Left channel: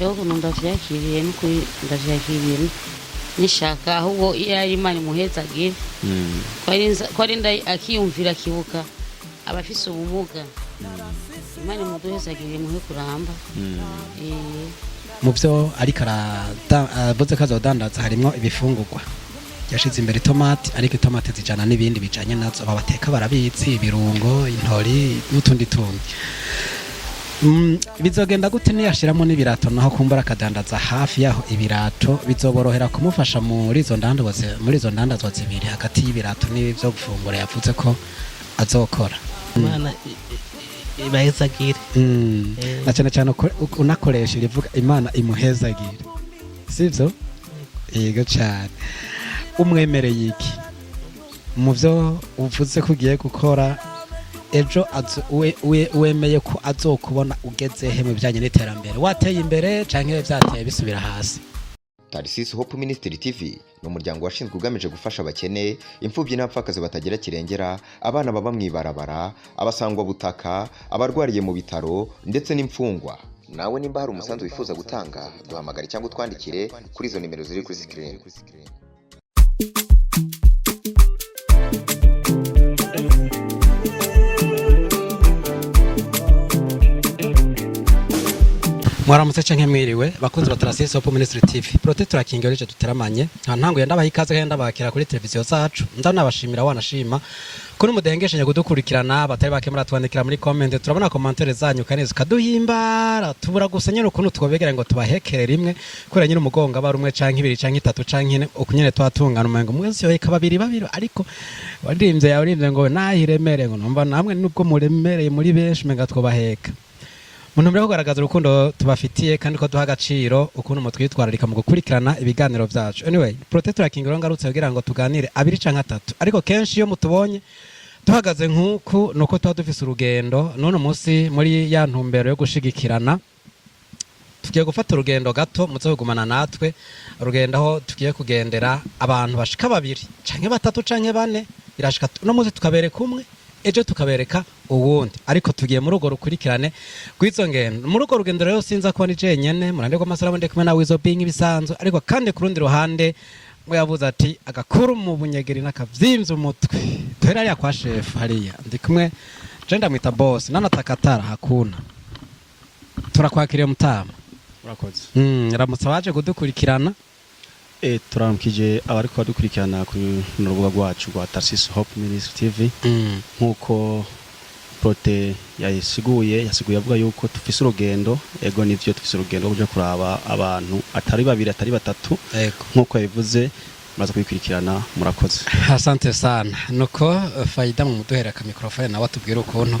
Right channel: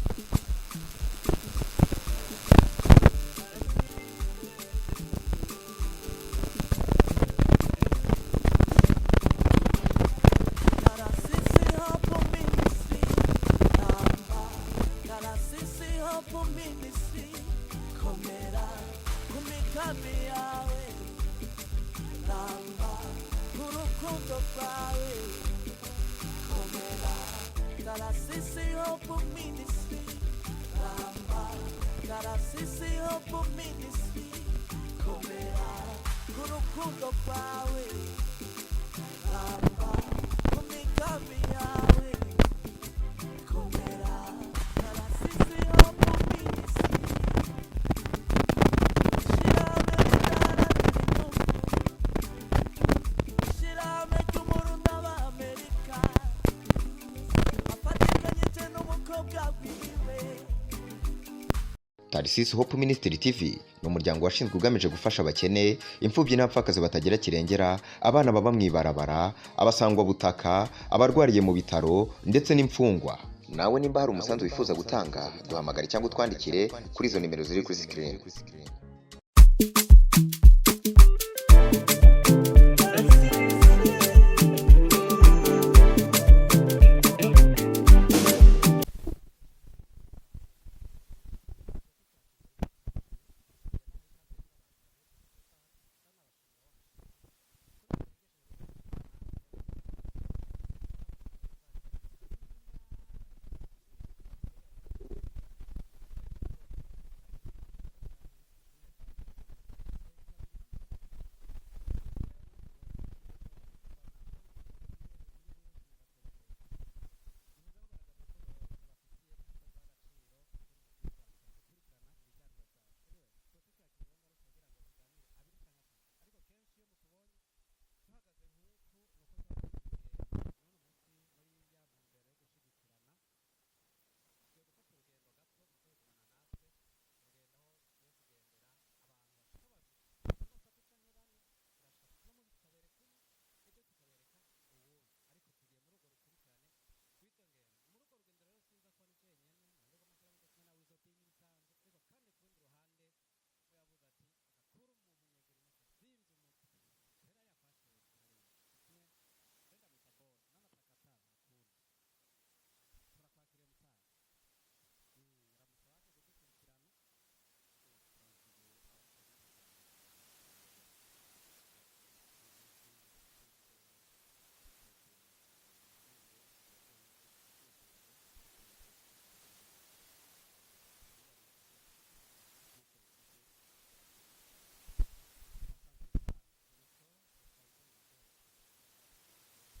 rero ukuntu ndavyakiriye n'ukuri ndavyakiriye nishaka ahubwo iyo ari Imana imuhezagire ko ari akiyumvira kibuka abafise ubumuga Imana imuhezagire niwe kuramba. Mu byo ariko aravuze ko azodandaza harimo ibifungurwa yashize imbere itomati, ariko itomati zijana n'ibindi bijanye nazo babateka barabitsi ibirungo intori n'utundi tundi. Bizogenda gute niyashiramo n'ibirato naho kumbura akadandaza hafi yaho ibirato bizoborohera kumufasha muri izo ndandazwa zibiri hagati y'ibirato n'ibyo gufungura yavuze ko azokora. Imana ibahezagire na cyane cyane unakoresha irivuga Imana imuhezagire, sivyo? Yego cyane. Umwemereye iki mu byo uvuze ko ugiye gukora ejo wemeye ko azokubona ugeze he bijanye n'iterambere, wateye imbere canke vyateye bisubira hasi? Tarsis Hope Ministry TV ni umuryango washinzwe ugamije gufasha abakene, imfubyi n'abapfakazi batagira kirengera, abana baba mwibarabara, abasangwa butaka, abarwariye mu bitaro ndetse n'imfungwa. Nawe nimba hari umusanzu wifuza gutanga, duhamagare cyangwa utwandikire kuri izo nimero ziri kuri screen. Mwaramutse canke mwiriwe bakunzi ba Tarsis Hope Ministry TV. Protector King cyo tuteramanye ntango yenda bahikaze kandi bakira kuri televiziyo zacu. Ndanabashimira wanashima kuri mudengeshanya kudukurikirana batari bakemura twandikira muri comment. Turabona commentaire zanyu kaneze kaduhimbara tubura gusanya ukuntu twobegera ngo tubahekere rimwe kuri nyine umugonga aba rumwe canke ibiri canke itatu canke ukunyene twatungana umengo mwese yo ikababiri babiri, ariko waririmze ngo nahiremere ngo numva namwe nubwo muremereye muri benshi menga twobaheka. Muntu mbere kugaragaza urukundo tubafitiye kandi ko duha agaciro ukuntu mutwitwararika mu gukurikirana ibiganiro byacu. Anyway, Protector King ngarutse kugira ngo tuganire abiri canke atatu, ariko kenshi iyo mutubonye tuhagaze nkuko nuko tuba dufise urugendo. None umunsi muri ya ntumbero yo gushigikirana tugiye gufata urugendo gato muzogumana natwe, urugendo aho tugiye kugendera abantu bashika babiri canke batatu canke bane, irashika no munsi tukabereka umwe ejo tukabereka uwundi, ariko tugiye muri ugo rukurikirane rw'izo ngendo. Muri ugo rugendo rero sinza ko ni jenyene murande ko masara bonde kumwe nawe izo bingi bisanzwe, ariko kandi ku rundi ruhande ngo yavuze ati agakuru mu bunyegeri n'akavyimvye umutwe twera ya kwa chef hariya ndi kumwe jenda mwita boss nanatakatara hakuna. Turakwakiriye mutama. Urakoze. Ramutse baje kudukurikirana. Turamukije abariko badukurikirana ku rubuga rwacu rwa Tarsis Hope Ministry TV. Nkuko Prote yasiguye avuga yuko tufise urugendo, ego nivyo tufise urugendo rwo kuraba abantu atari babiri atari batatu, nkuko yabivuze maze kubikurikirana. Murakoze. Asante sana. Nuko Faida mu muduhera ka microphone nawe atubwira ukuntu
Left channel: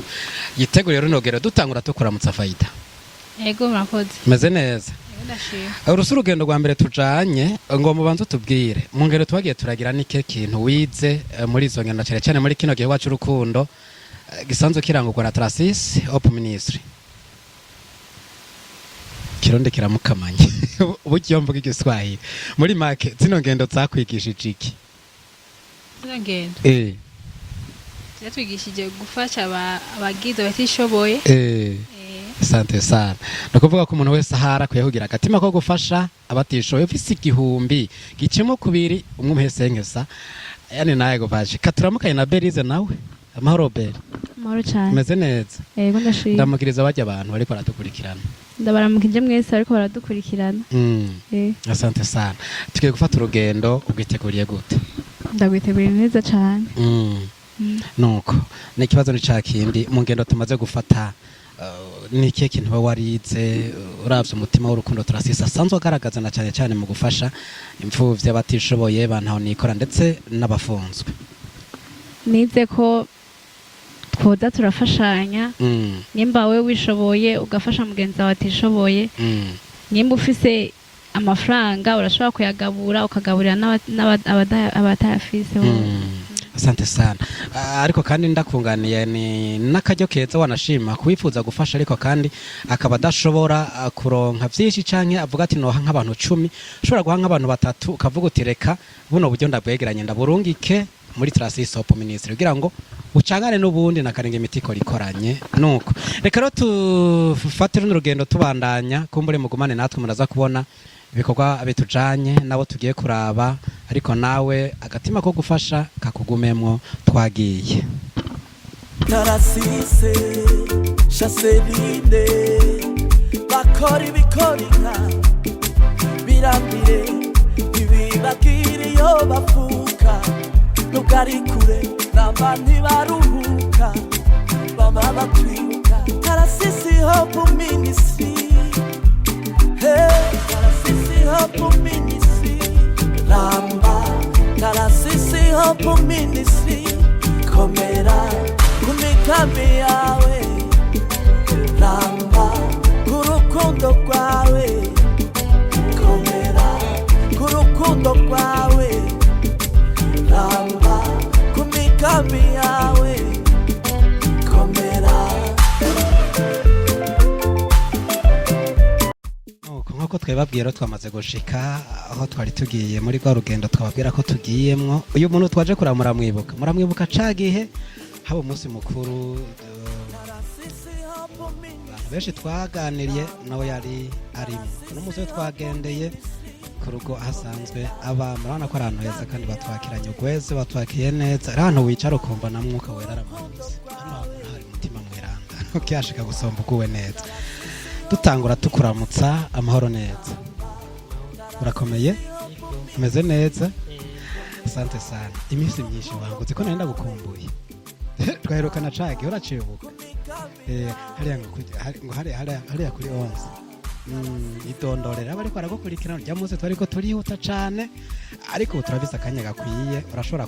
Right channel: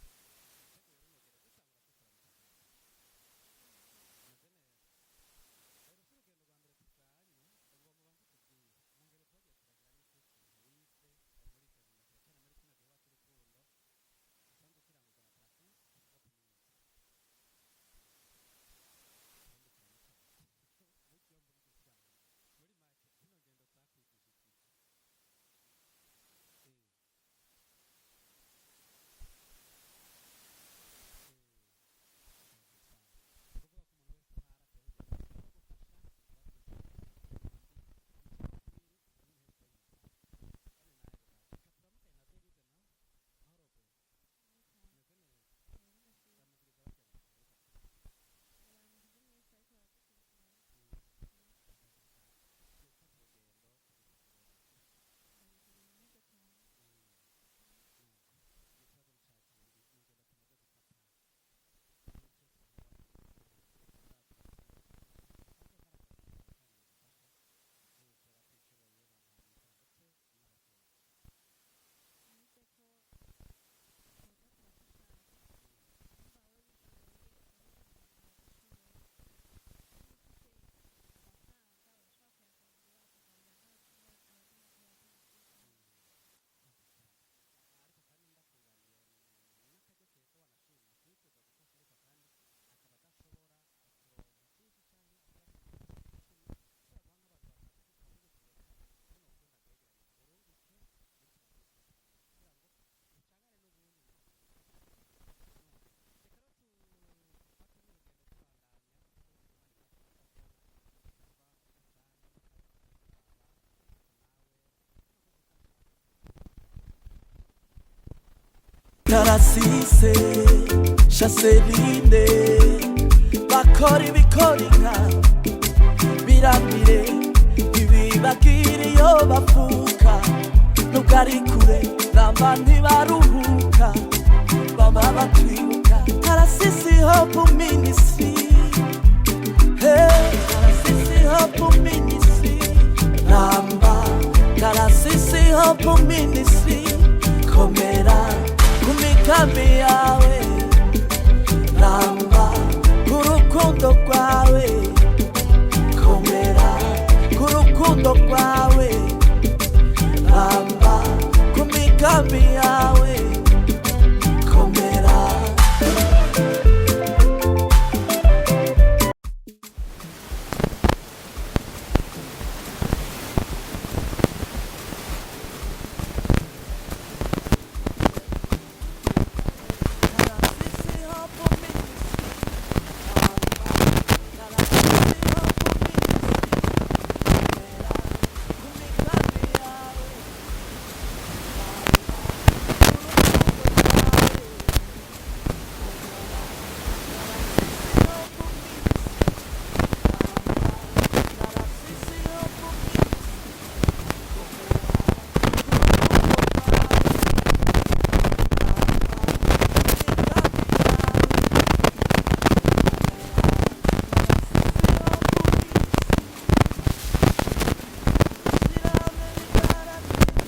yiteguriye runogero dutangura tukuramutsa Faida. Ego murakoze. Meze neza. Urusu urugendo rwa mbere tujanye ngo mubanze tubwire mu ngero twagiye turagira nike kintu wize muri izo ngendo cyane cyane muri kino gihe wacu urukundo gisanzwe kirangurwa na Tarsis Hope Ministry. Kironde kiramukamanye ubugiye mvuga igiswahili muri make zino ngendo zakwigishije iki? Zino ngendo zatwigishije gufasha abagize batishoboye. Asante sana. Nakuvuga ko umuntu wese ahara kuyahugira agatima ko gufasha abatishoboye ufise igihumbi gicemo kubiri umwe muhesenkesa, yani naye govaje katuramukanye na Berize nawe. Amahoro Beri. Amahoro cyane. Meze neza. Yego ndashimye. Ndamukiriza bajya abantu bariko baradukurikirana. Ndabaramukije mwese ariko baradukurikirana. Asante sana. Tugiye gufata urugendo ugiteguriye gute? Ndagwiteguriye neza cyane. Nuko n'ikibazo ni cakindi mu ngendo tumaze gufata niki kintu warize uravye umutima w'urukundo Tarsis asanzwe agaragaza na cyane cyane mu gufasha imfuvyi abatishoboye bantaho nikora ndetse n'abafunzwe? Nize ko twoza turafashanya, nimba we wishoboye ugafasha mugenzi wawe atishoboye, nimba ufise amafaranga urashobora kuyagabura ukagaburira abatayafise. Asante sana. Ariko kandi ndakunganiye ni nakajyo keza wanashima kubifuza gufasha, ariko kandi akaba adashobora kuronka byinshi canke avuga ati noha nk'abantu 10 ushobora guha nk'abantu batatu ukavuga uti reka buno buryo ndabwegeranye ndaburungike muri Tarsis Hope Ministry kugira ngo ucangane n'ubundi nakarenge imitiko rikoranye nuko reka rero tufatire n'urugendo tubandanya kumbure mugumane natwe muraza kubona ibikorwa bitujanye nabo tugiye kuraba ariko nawe agatima ko gufasha kakugumemwo twagiye Tarasise Chaserine bakora ibikorinka birambire ibibagiri yo bafuka nugari kure namba ntibaruhuka baba batwibuka Tarasise Hope Ministry hey Tarasise Hope Ministry namba Tarasise Hope Ministry komera kumikambi yawe ramba kurukundo kwawe komera kurukundo kwawe ramba kumikambi yawe komera nkuko twebabwira twamaze gushika aho twari tugiye muri kwa rugendo twabwira ko tugiyemwo uyu muntu twaje kuramura muramwibuka cagihe haba umunsi mukuru benshi twaganiriye nawe yari ari ibyo twagendeye kuko asanzwe abantu bana ko arantu beza kandi batwakiranye ubwese batwakiye neza ari ahantu wicara ukumva namwe ukiyashika gusomba ukuwe neza dutangura tukuramutsa amahoro neza urakomeye umeze neza asante sana iminsi ndiko naragukumbuye twaherukana cake uraciye ariko turihuta cyane ariko turabisa akanya gakwiye urashobora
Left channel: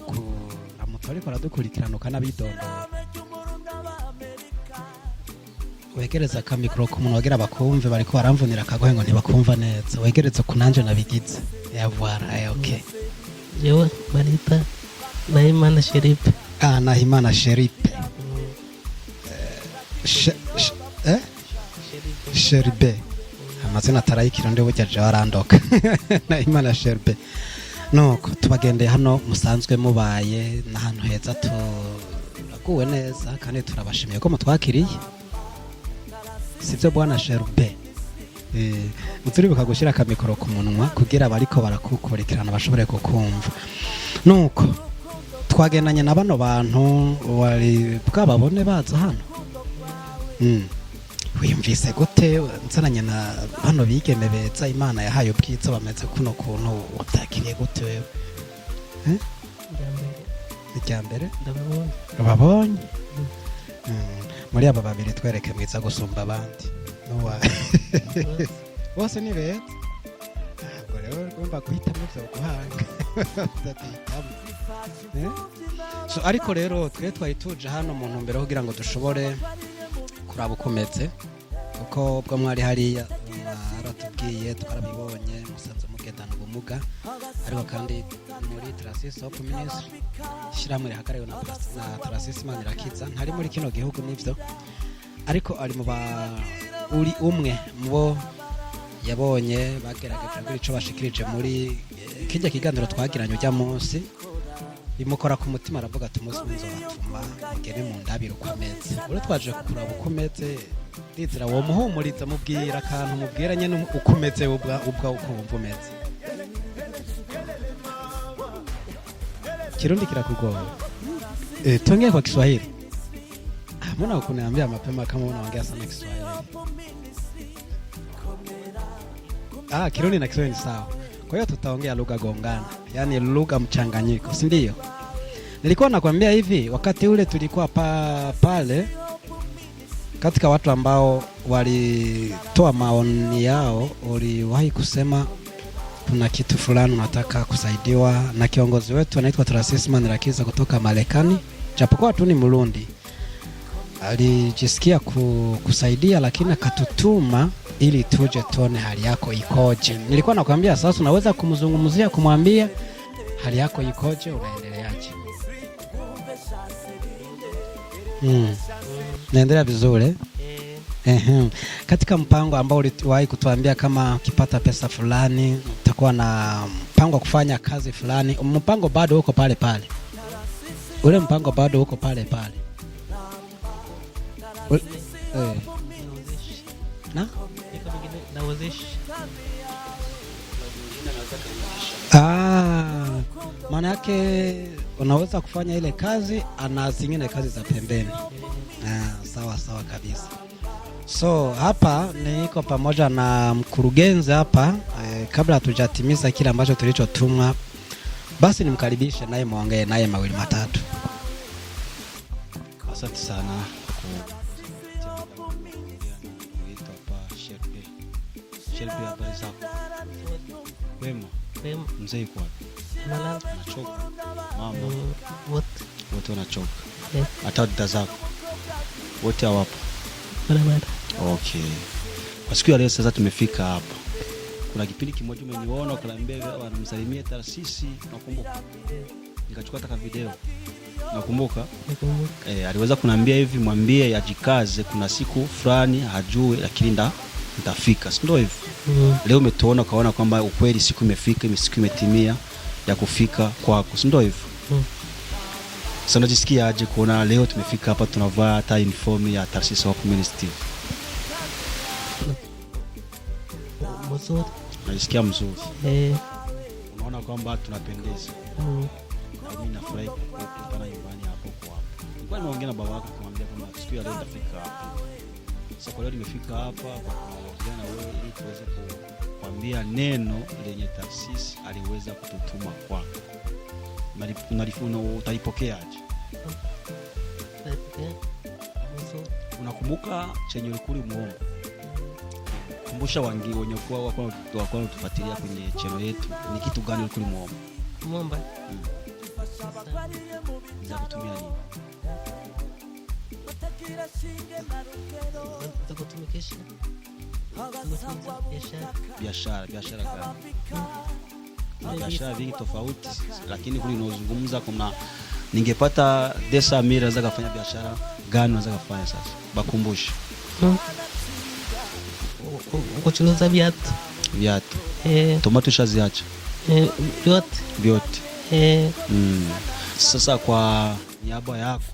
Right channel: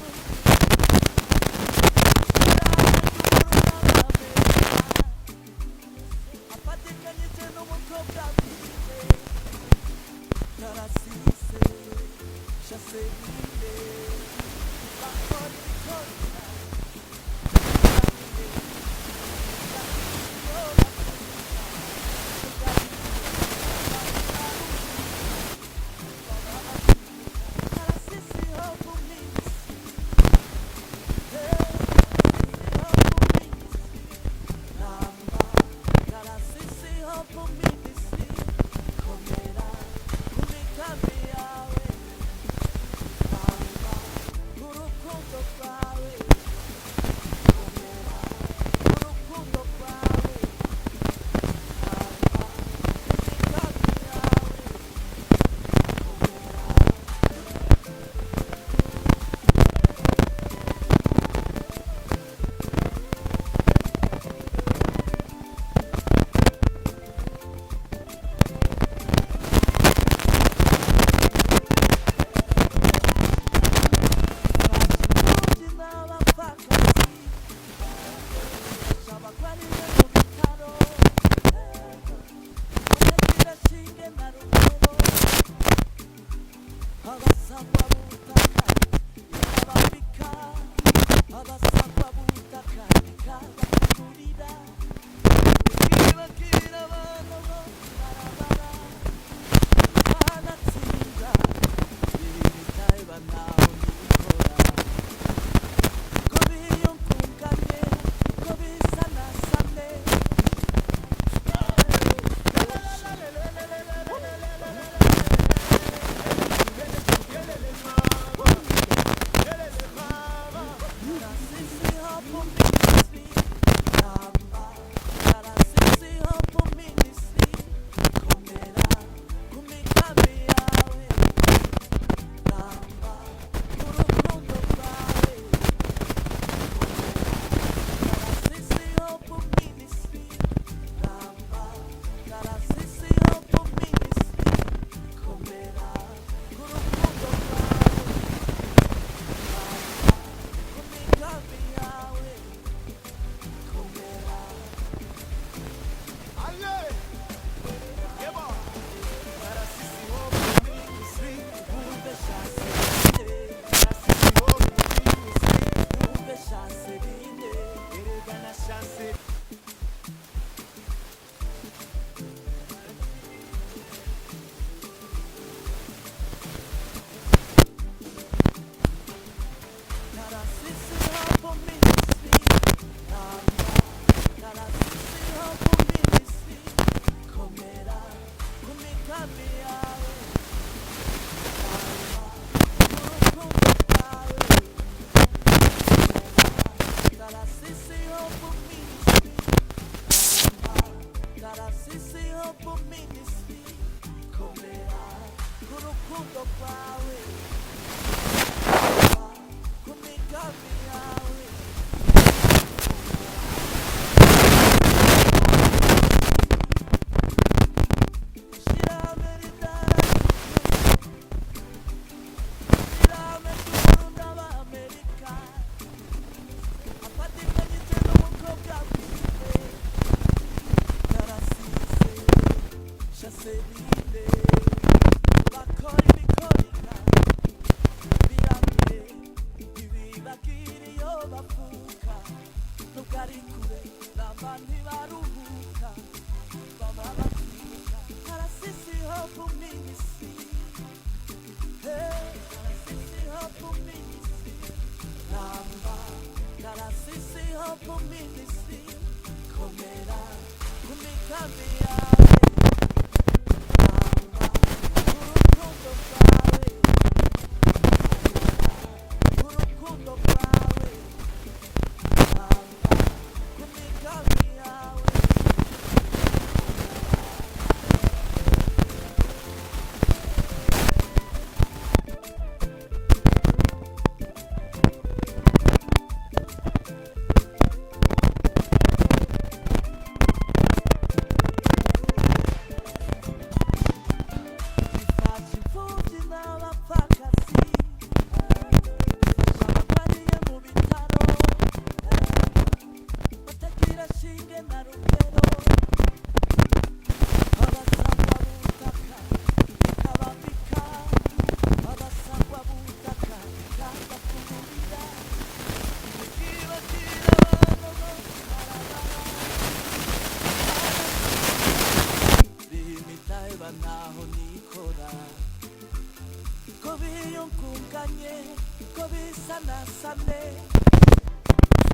wegereza akamikoro ku muntu wagira bakumve bariko baramvunira akagohe ngo ntibakumva neza wegereze ku nanje nabigize yavwara okay jewe barita Nahimana Sheripe Nahimana Sheripe Sheripe amazina atarayikira ndi burya je warandoka Nahimana Sheripe nuko tubagendeye hano musanzwe mubaye n'ahantu heza tuguwe neza kandi turabashimiye ko mutwakiriye sivyo bwana Sheripe turibuka gushyira akamikoro ku munwa kugira abariko barakukurikirana bashobore kukumva nuko twagendanye na bano bantu wari bwababone baza hano wiyumvise gute nsananye na bano bigeme beza Imana yahaye ubwiza bameze kuri ukuntu utakiriye gute wewe icyambere babonye muri aba babiri twereke mwiza gusumba abandi bose ni rero ariko rero twari tuje hano mu ntumbero kugira ngo dushobore kuraba ukometse kuko bwo mwari hariya batubwiye mugendana ubumuga ariko kandi shyiramo Tarasise Manirakiza ntari muri kino gihugu n'ivyo ariko ari uri umwe mubo yabonye muri ico bashikirije muri kijya kiganiro twagiranye ujya munsi bimukora ku mutima bavuga ati twaje kumeze inzira wo muhumuriza mubwira akantu mubwiranye n'ukumeze ubwo Kirundi kirakugora tuongee kwa Kiswahili mbona ukuniambia mapema kama unaongea Kirundi na Kiswahili sana kwa hiyo tutaongea lugha gongana yani lugha mchanganyiko si ndio nilikuwa nakwambia hivi wakati ule tulikuwa pale katika watu ambao walitoa maoni yao waliwahi kusema kuna kitu fulani nataka kusaidiwa na kiongozi wetu anaitwa Tarasise Manirakiza kutoka Marekani japokuwa tu ni Murundi alijisikia kusaidia lakini akatutuma ili tuje tuone hali yako ikoje nilikuwa nakwambia sasa unaweza kumzungumzia kumwambia hali yako ikoje naendelea vizuri katika mpango ambao uliwahi kutuambia kama ukipata pesa fulani utakuwa na mpango kufanya kazi fulani mpango bado uko pale pale ule mpango bado uko pale pale Na? Nauzisha. Maana yake unaweza kufanya ile kazi na zingine kazi za pembeni. Sawa kabisa. So hapa niko pamoja na mkurugenzi hapa kabla hatujatimiza kile ambacho tulichotumwa, basi nikaribishe naye muongee naye mawili matatu. Asante sana. Mzee kwa wote wanachoka, hata dada zako wote hawapo. Okay, siku ya leo sasa tumefika hapa, kuna kitu kimoja nimeona kuna mbele anamsalimia Tarsisi, nikachukua taka video. Nakumbuka aliweza kuniambia hivi, mwambie ajikaze, kuna siku fulani hajui lakini nitafika, si ndio hivyo? Leo umetuona kaona kwamba ukweli siku imefika, siku imetimia ya kufika kwako, si ndio hivyo? Sasa unajisikia aje kuona leo tumefika hapa tunavaa hata uniform ya Tarsisi Hope Ministry? Unajisikia mzuri? Naona kwamba tunapendeza. Lakini unazungumza kuna ningepata desa mira za biashara gani za kufanya sasa? Wakumbushe. Kuchuza viatu. Tomato shaziacha. Vyote. Sasa kwa niaba yako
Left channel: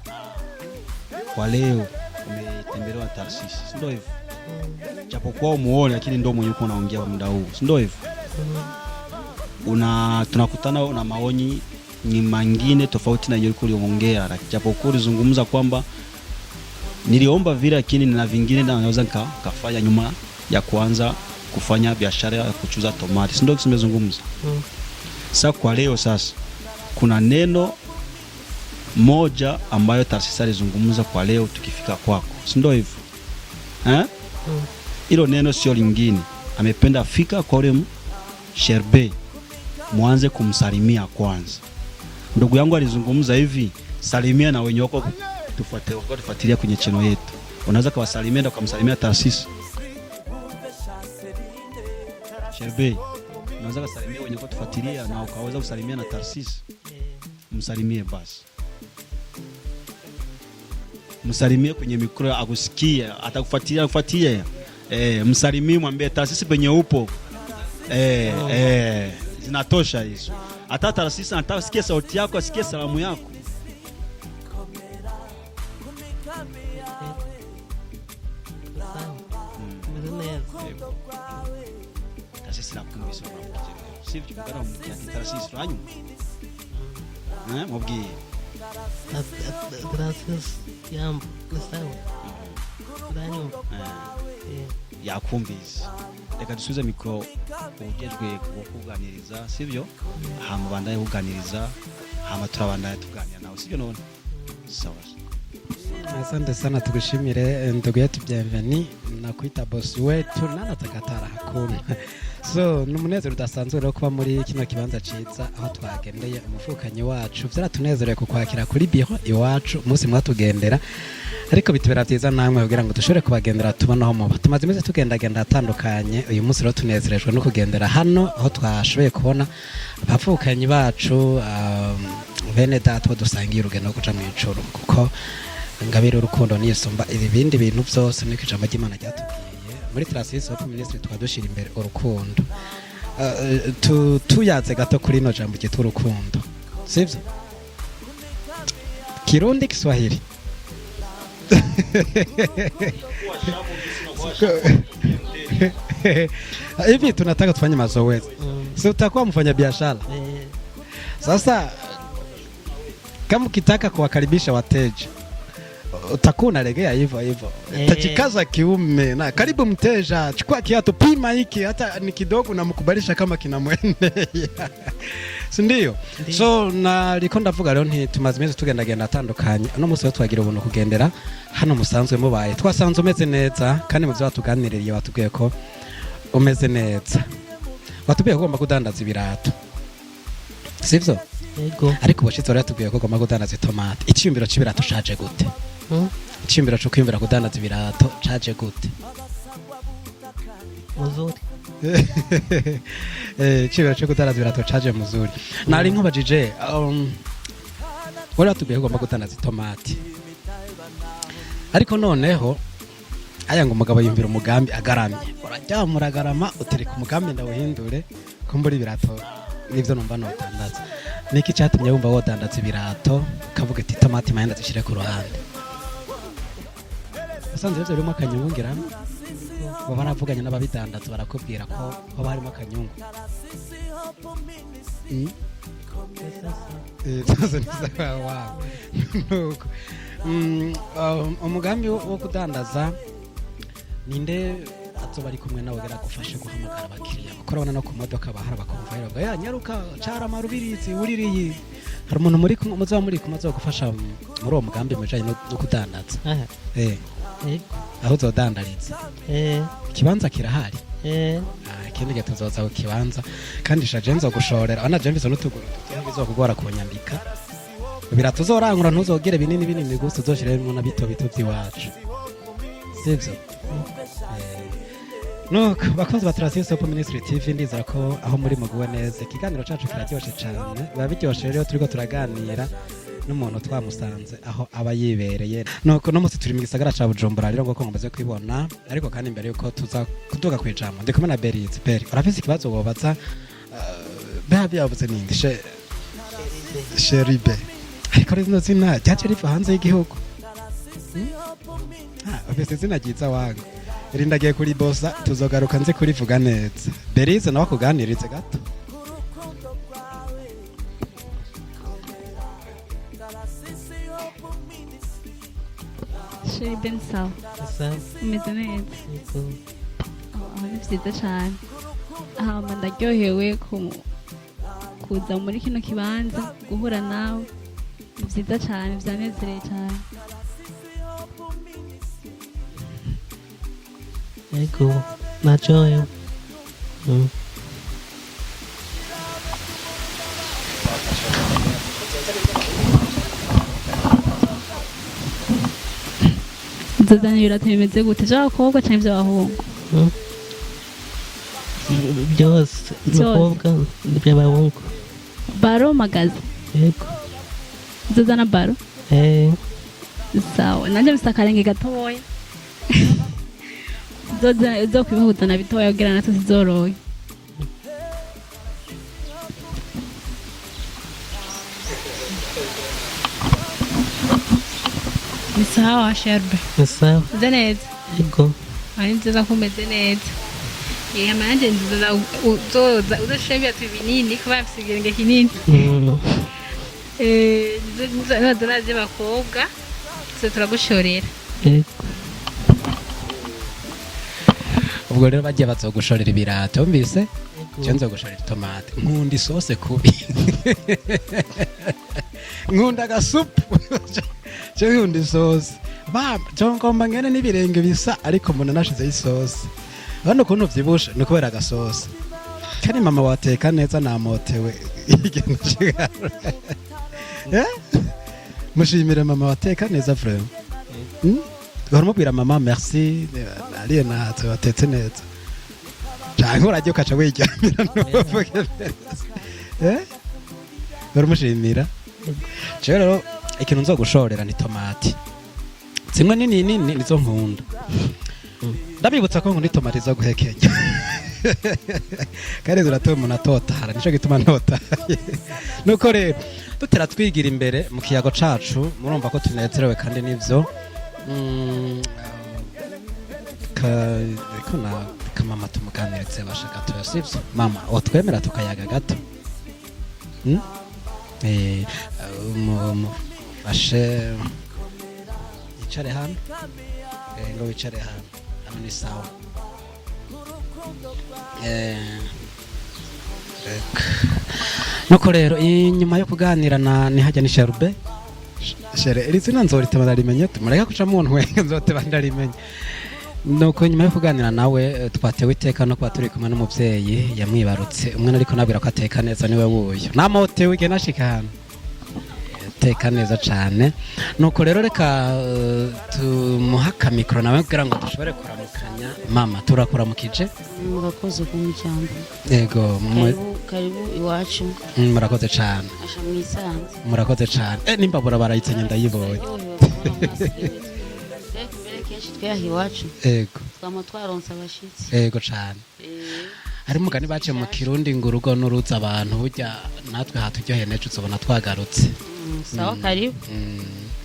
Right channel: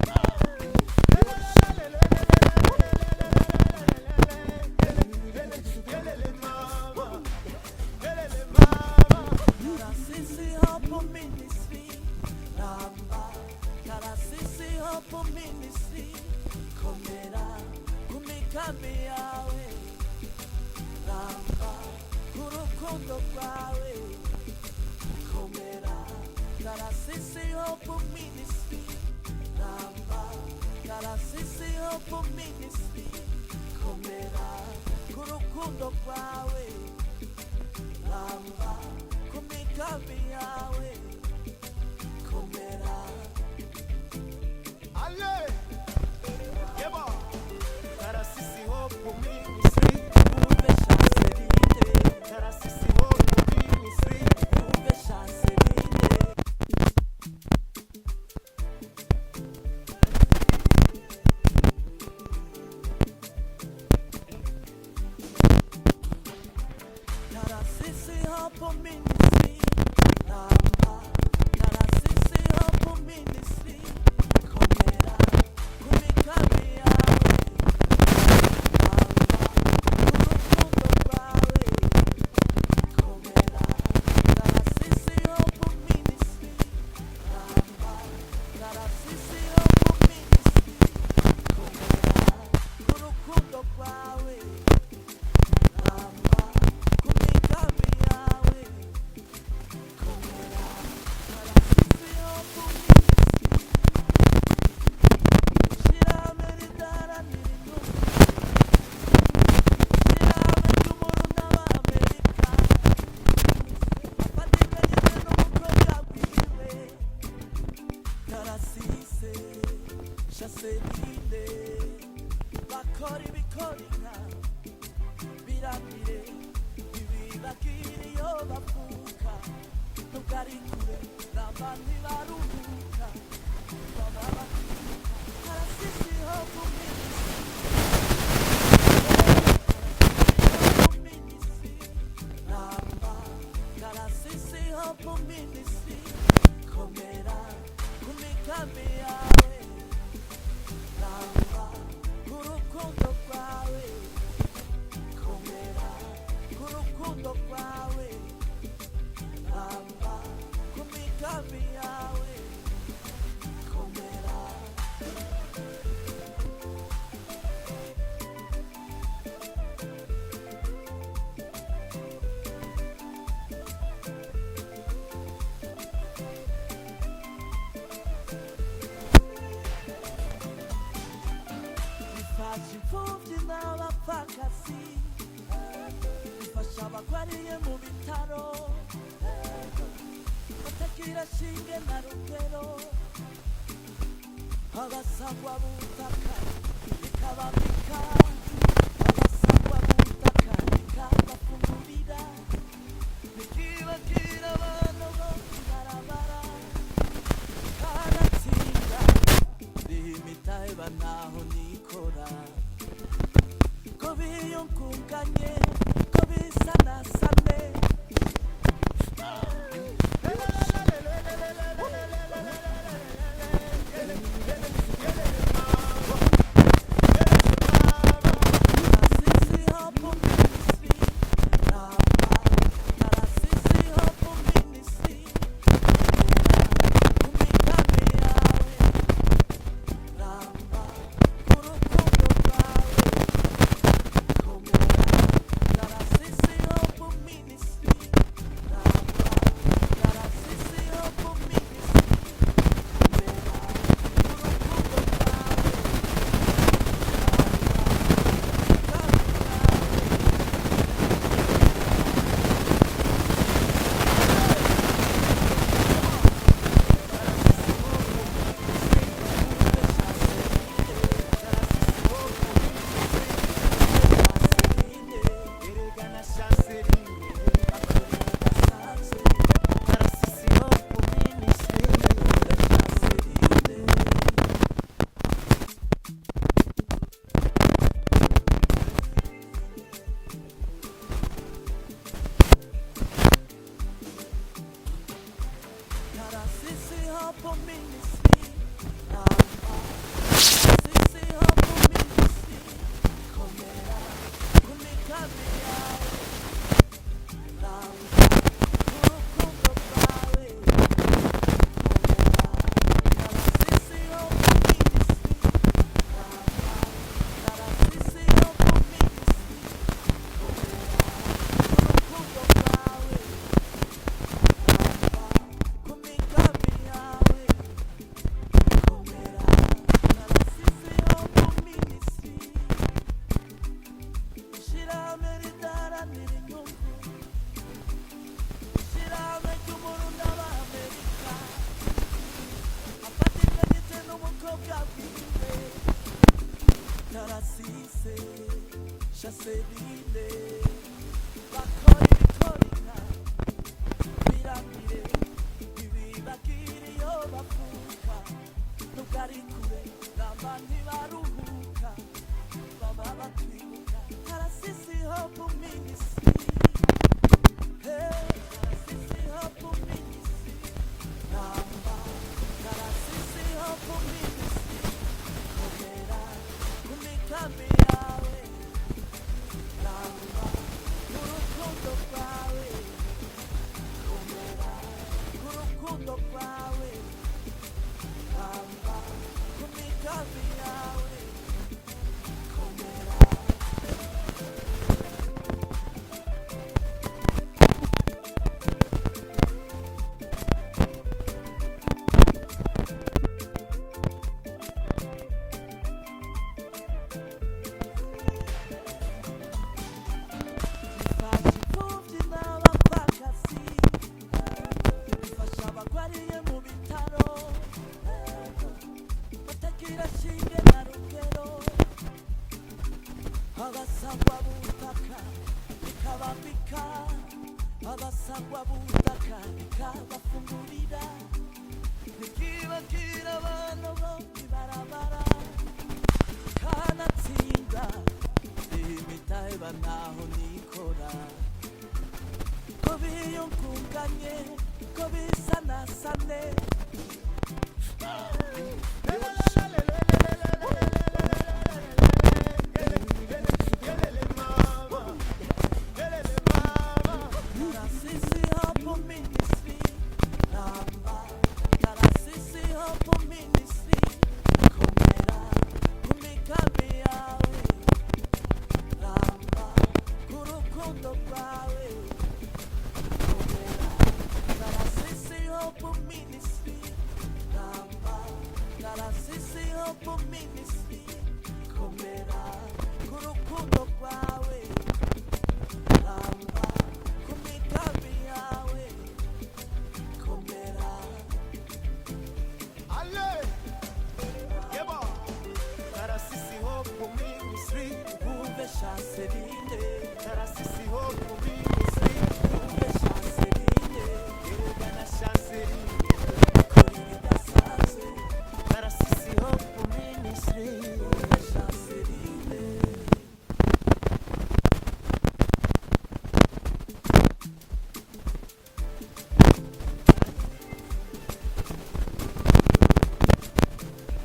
kwa leo tembelea Tarsisi, ndio hivyo. Japokuwa muone lakini ndio mwenye uko naongea muda huu, ndio hivyo. Tunakutana na maoni ni mengine tofauti na yale uliyoongea, japokuwa ulizungumza kwamba niliomba vile lakini na vingine na naweza nikafanya nyuma ya kuanza kufanya biashara ya kuchuza tomati, ndio kimezungumza. Sasa kwa leo sasa kuna neno moja ambayo Tarsisi alizungumza kwa leo tukifika kwako, ndio hivyo? Hilo neno sio lingine, amependa fika kwa ule Sherbe mwanze kumsalimia kwanza. Ndugu yangu alizungumza hivi, salimia na wenye wako tufuatilia kwenye channel yetu. Unaweza kuwasalimia na kumsalimia Tarsisi. Sherbe, unaweza kusalimia wenye kufuatilia na ukaweza kusalimia na Tarsisi. Msalimie basi. Msalimie kwenye mikro akusikie, atakufuatilia. Msalimie, mwambie Tarsisi penye upo. Zinatosha hizo. Hata Tarsisi anataka sikia sauti yako, asikie salamu yako. Sivyo hambanda yukaniriza amaturabanda. Asante sana, tukushimire ndugu yetu Bienvenue na boss wetu Katakuri. So numunezero udasanzwe no kuba muri kino kibanza cyiza twagendeye umufukanyi wacu, byaratunezereye kukwakira kuri biro iwacu umunsi mwatugendera, ariko bitubera byiza namwe kugira ngo dushobore kubagendera tubonaho mu tumaze imeze tugendagenda atandukanye. Uyu munsi rero tunezerejwe no kugendera hano aho twashoboye kubona abafukanyi bacu bene data dusangiye urugendo guca mu icuru, kuko ingabire urukundo n'isumba ibindi bintu byose muri Tarsisi twadushira imbere urukundo. Tuyaze gato kuri no jambo cyitwa urukundo, sivyo? Kirundi Kiswahili Hivi tunataka tufanye mazoezi. Si utakuwa mfanya biashara. Sasa kama ukitaka kuwakaribisha wateja utakuwa unalegea hivyo hivyo. Utajikaza kiume na karibu mteja, chukua kiatu, pima hiki hata ni kidogo na mkubalisha kama kinamwendea. Si ndio? So nariko ndavuga rero tumaze tugendagenda atandukanye. Ano musi twagira ubuntu kugendera hano musanzwe mubaye. Twasanze umeze neza kandi mu byo batuganiririye batubwiye ko umeze neza. Batubwiye ko ugomba kudandaza ibirato. Sivyo? Yego. Ariko ubashitse rero tubwiye ko ugomba kudandaza itomate. Icyumbiro c'ibirato shaje gute? Icyumbiro cyo kwimbira kudandaza ibirato shaje gute? Icyumbiro cyo kudandaza ibirato shaje muzuri. Nari nkubajije wala tubwiye ko ugomba kudandaza itomate. Ariko noneho aya ngo umugabo yimvira umugambi agaramye. Urajyamura agarama utiri ku mugambi ndawuhindure kumbura ibirato n'ivyo numva no. Niki cyatumye wumva wodandaza ibirato kavuga ati tomate mayenda dushire ku ruhande. Asa neza rero mukanyungira. Bamara vuga n'aba bidandaza barakubwira ko bari mukanyungira. Umugambi wo kudandaza ninde korona no ku modoka bahara bakora ya nyaruka cyara marubirizi uririye umuntu muri muza muri kumaza gufasha muri uwo mugambi wajanye no kudandaza aho zodandaza kibanza kirahari kimwe kuzaza mu kibanza kandi shaje nzo gushora banaje nzo bitu kuzogora kureka ibirato zorangura ntuzogere binini binini gusa zoshire mu bito bituti wacu bakunze batarasise ku Ministry TV ndiza ko aho muri muguwe neza ikiganiro cyacu cyose cyane babiryoshye rero turiko turaganira n'umuntu twamusanze aho aba yibereye nuko no musi turi mu gisagara ca Bujumbura rero ko mumaze kubona ariko kandi imbere yuko tuza kuduga kwijambo ndiko na Berizi Beri urafise ikibazo bobaza babi yavuze nindi Sheribe ariko rero zina cyaje ariko hanze y'igihugu ufise zina kiza wangu urindagiye kuri bosa tuzogaruka nze kurivuga neza Berize nawe kuganiriza ndaryohewe kuza muri kino kibanza guhura nawe byiza cyane byanezeye cyane Yego, nachoyo. Nzazana ibirato bimeze gute by'abakobwa cyangwa iby'abahungu Byose abakobwa n'iby'abahungu baro magazi Yego. nzazana baro sawa nanjye bisa akarenge gatoya zo kwihutana bitoya kugira natwe zizorohe ni sawa Sherbe Ni sawa. uze neza Yego. ari nziza ko umeze neza yama nanjye nziza uzoza udashira ibirato binini kuba bafite ikirenge kinini nizo nazi bakobwa twe turagushorera Yego. ubwo rero bagiye bazogushorera ibirato mbise cyo nzogushorera itomate nkunda isose kubi nkunda agasupu cyo nkunda isose baba cyo ngomba ngene n'ibirenge bisa ariko mbona nashizeho isose hano ukuntu vyibusha ni kubera agasosi kandi mama wateka neza namotewe ikintu kigara mushimire mama wateka neza vraiment baramubwira mama merci ariye natwe watetse neza cyangwa urajye ukaca wiryamira n'uvuge baramushimira rero ikintu nzogushorera ni tomati zimwe nini nini nizo nkunda ndabibutsa ko nkunda tomati zo guhekenya kandi ziratuma umuntu atotara nicyo gituma ntotaye nuko rero dutera twigira imbere mu kiyago cacu murumva ko tunezerewe kandi nivyo kamama tumuganirize bashaka tubasibye mama otwemera tukayaga gato ashe wicare hano wicare hano ni sawa nuko rero inyuma yo kuganira na nihajya ni Sherube shere iri zina nzorite bararimenye tumureka kuca mu ntwe nzote bandarimenye nuko nyuma yo kuganira nawe twatewe iteka no kwa turi kumwe n'umuvyeyi yamwibarutse umwe ariko nabwira ko ateka neza niwe wuyo namotewe ige nashika hano teka neza cyane nuko rero reka tumuhaka mikro nawe kugira ngo dushobore kuramukanya mama turakuramukije murakoze cyane yego karibu iwacu murakoze cyane murakoze cyane nimbabura barayitsanya ndayibonye twahi iwacu yego twaronsa abashitsi yego cyane harimo kandi bace mu kirundi ngo urugo n'uruza abantu burya natwe haturyoheye nejo uzobona twagarutse sawa karibu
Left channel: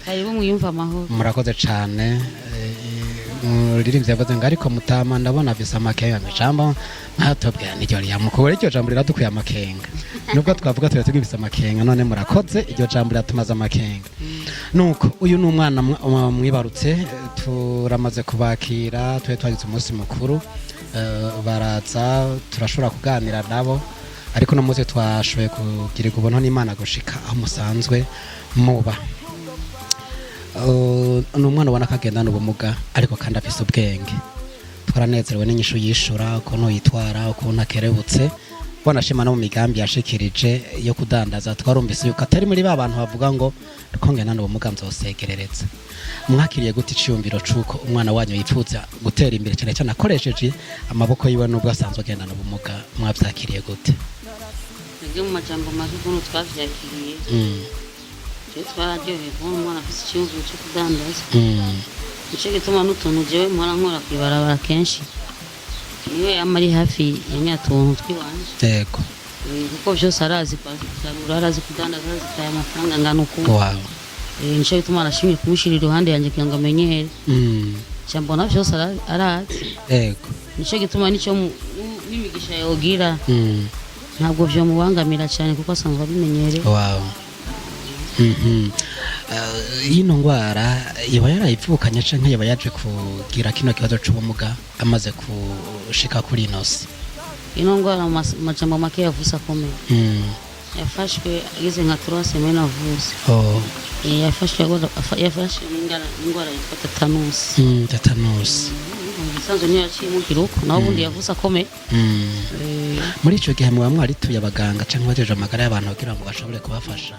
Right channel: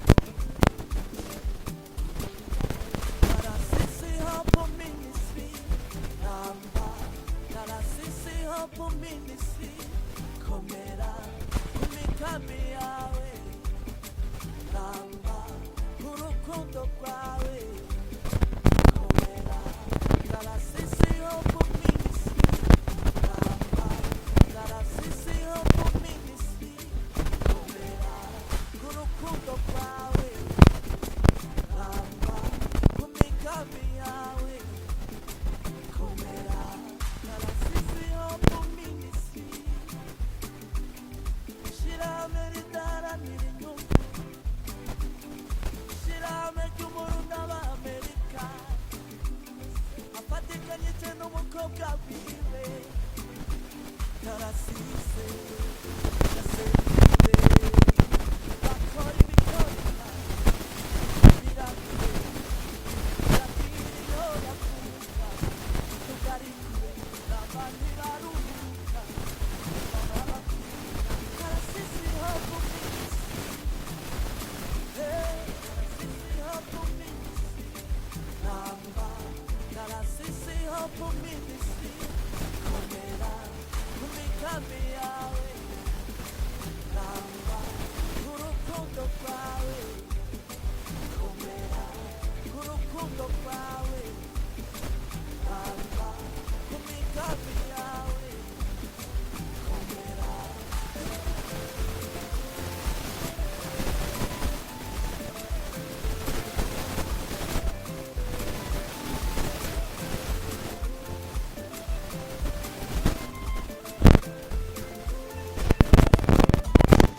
karibu mwiyumva amahoro murakoze cyane uririmbye yavuze ngo ariko mutama ndabona afise amakenga micambo ntatobwira niryo ryamukubura iryo jambo riradukuye amakenga nubwo twavuga tuba tugifise amakenga none murakoze iryo jambo riratumaze amakenga nuko uyu ni umwana mwibarutse turamaze kubakira twe twagize umunsi mukuru baraza turashobora kuganira nabo ariko no muze twashoboye kugira ubuntu n'Imana gushika aho musanzwe muba ni umwana ubona ko agendana ubumuga ariko kandi afise ubwenge twaranezerewe n'inyishu yishura ukuntu yitwara ukuntu akerebutse wanashima no mu migambi yashikirije yo kudandaza twarumvise yuko atari muri ba bantu bavuga ngo ko ngendana ubumuga nzosegerereza mwakiriye gute iciyumviro cuko umwana wanyu yipfuza gutera imbere cyane cyane akoresheje amaboko yiwe nubwo asanzwe agendana ubumuga mwavyakiriye gute mu majambo makuru twavyakiriye twararyoheye kubona umwana afise iciyumviro cyo kudandaza nico gituma n'utuntu jewe mpora nkora kwibarabara kenshi niwe amari hafi y'imyatuntu twiwanje yego kuko byose arazi kwagura arazi kudandaza arazi amafaranga ngana uko nico gituma nashimye kumushira iruhande yanjye kugira ngo amenyere cyambona byose arazi yego nico gituma nico n'imigisha yogira ntabwo byo mubangamira cyane kuko asanzwe abimenyereye ino ngwara iba yarayipfukanye canke yaba yaje kugira kino kibazo c'ubumuga amaze kushika kuri inosi ino ngwara majambo make yavuze akomeye yafashwe ageze nka 3 semaines avuze yafashwe ingwara yitwa tetanusi sanzo niyo yaciye mu kiruko naho ubundi yavuze akomeye muri ico gihe muba mwarituye abaganga canke bajeje amagara y'abantu kugira ngo bashobore kubafasha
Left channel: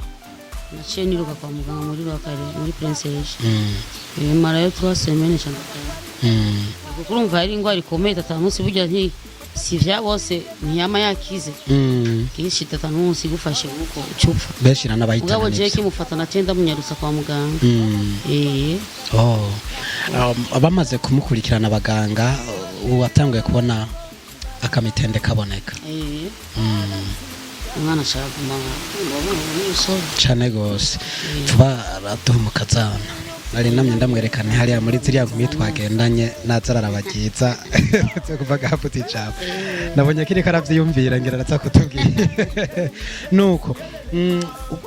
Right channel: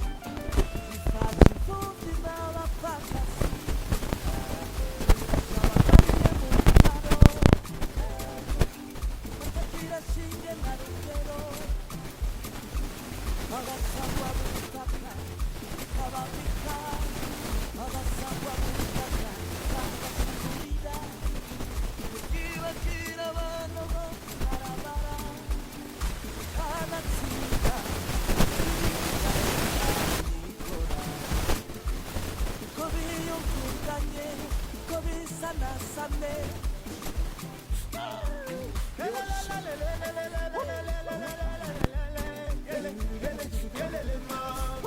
naciye niruka kwa muganga muri bakari muri princess marayo 3 semaines cyane urumva ari ingwara ikomeye tetanusi burya nti si vya bose ntiyama yakize kishi tetanusi gufashe uko gucupa beshira n'abayitana ubwo je kimufata na tenda munyarusa kwa muganga abamaze kumukurikirana abaganga watanguye kubona akamitende kaboneka umwana ashaka cyane gose tuba raduha mukazana ari namye ndamwerekane hariya muri ziriya gumi twagendanye nazarara bagiza kuva gafuti cyane nabonye kiri karavyiyumvira ngira natsa kutubwira nuko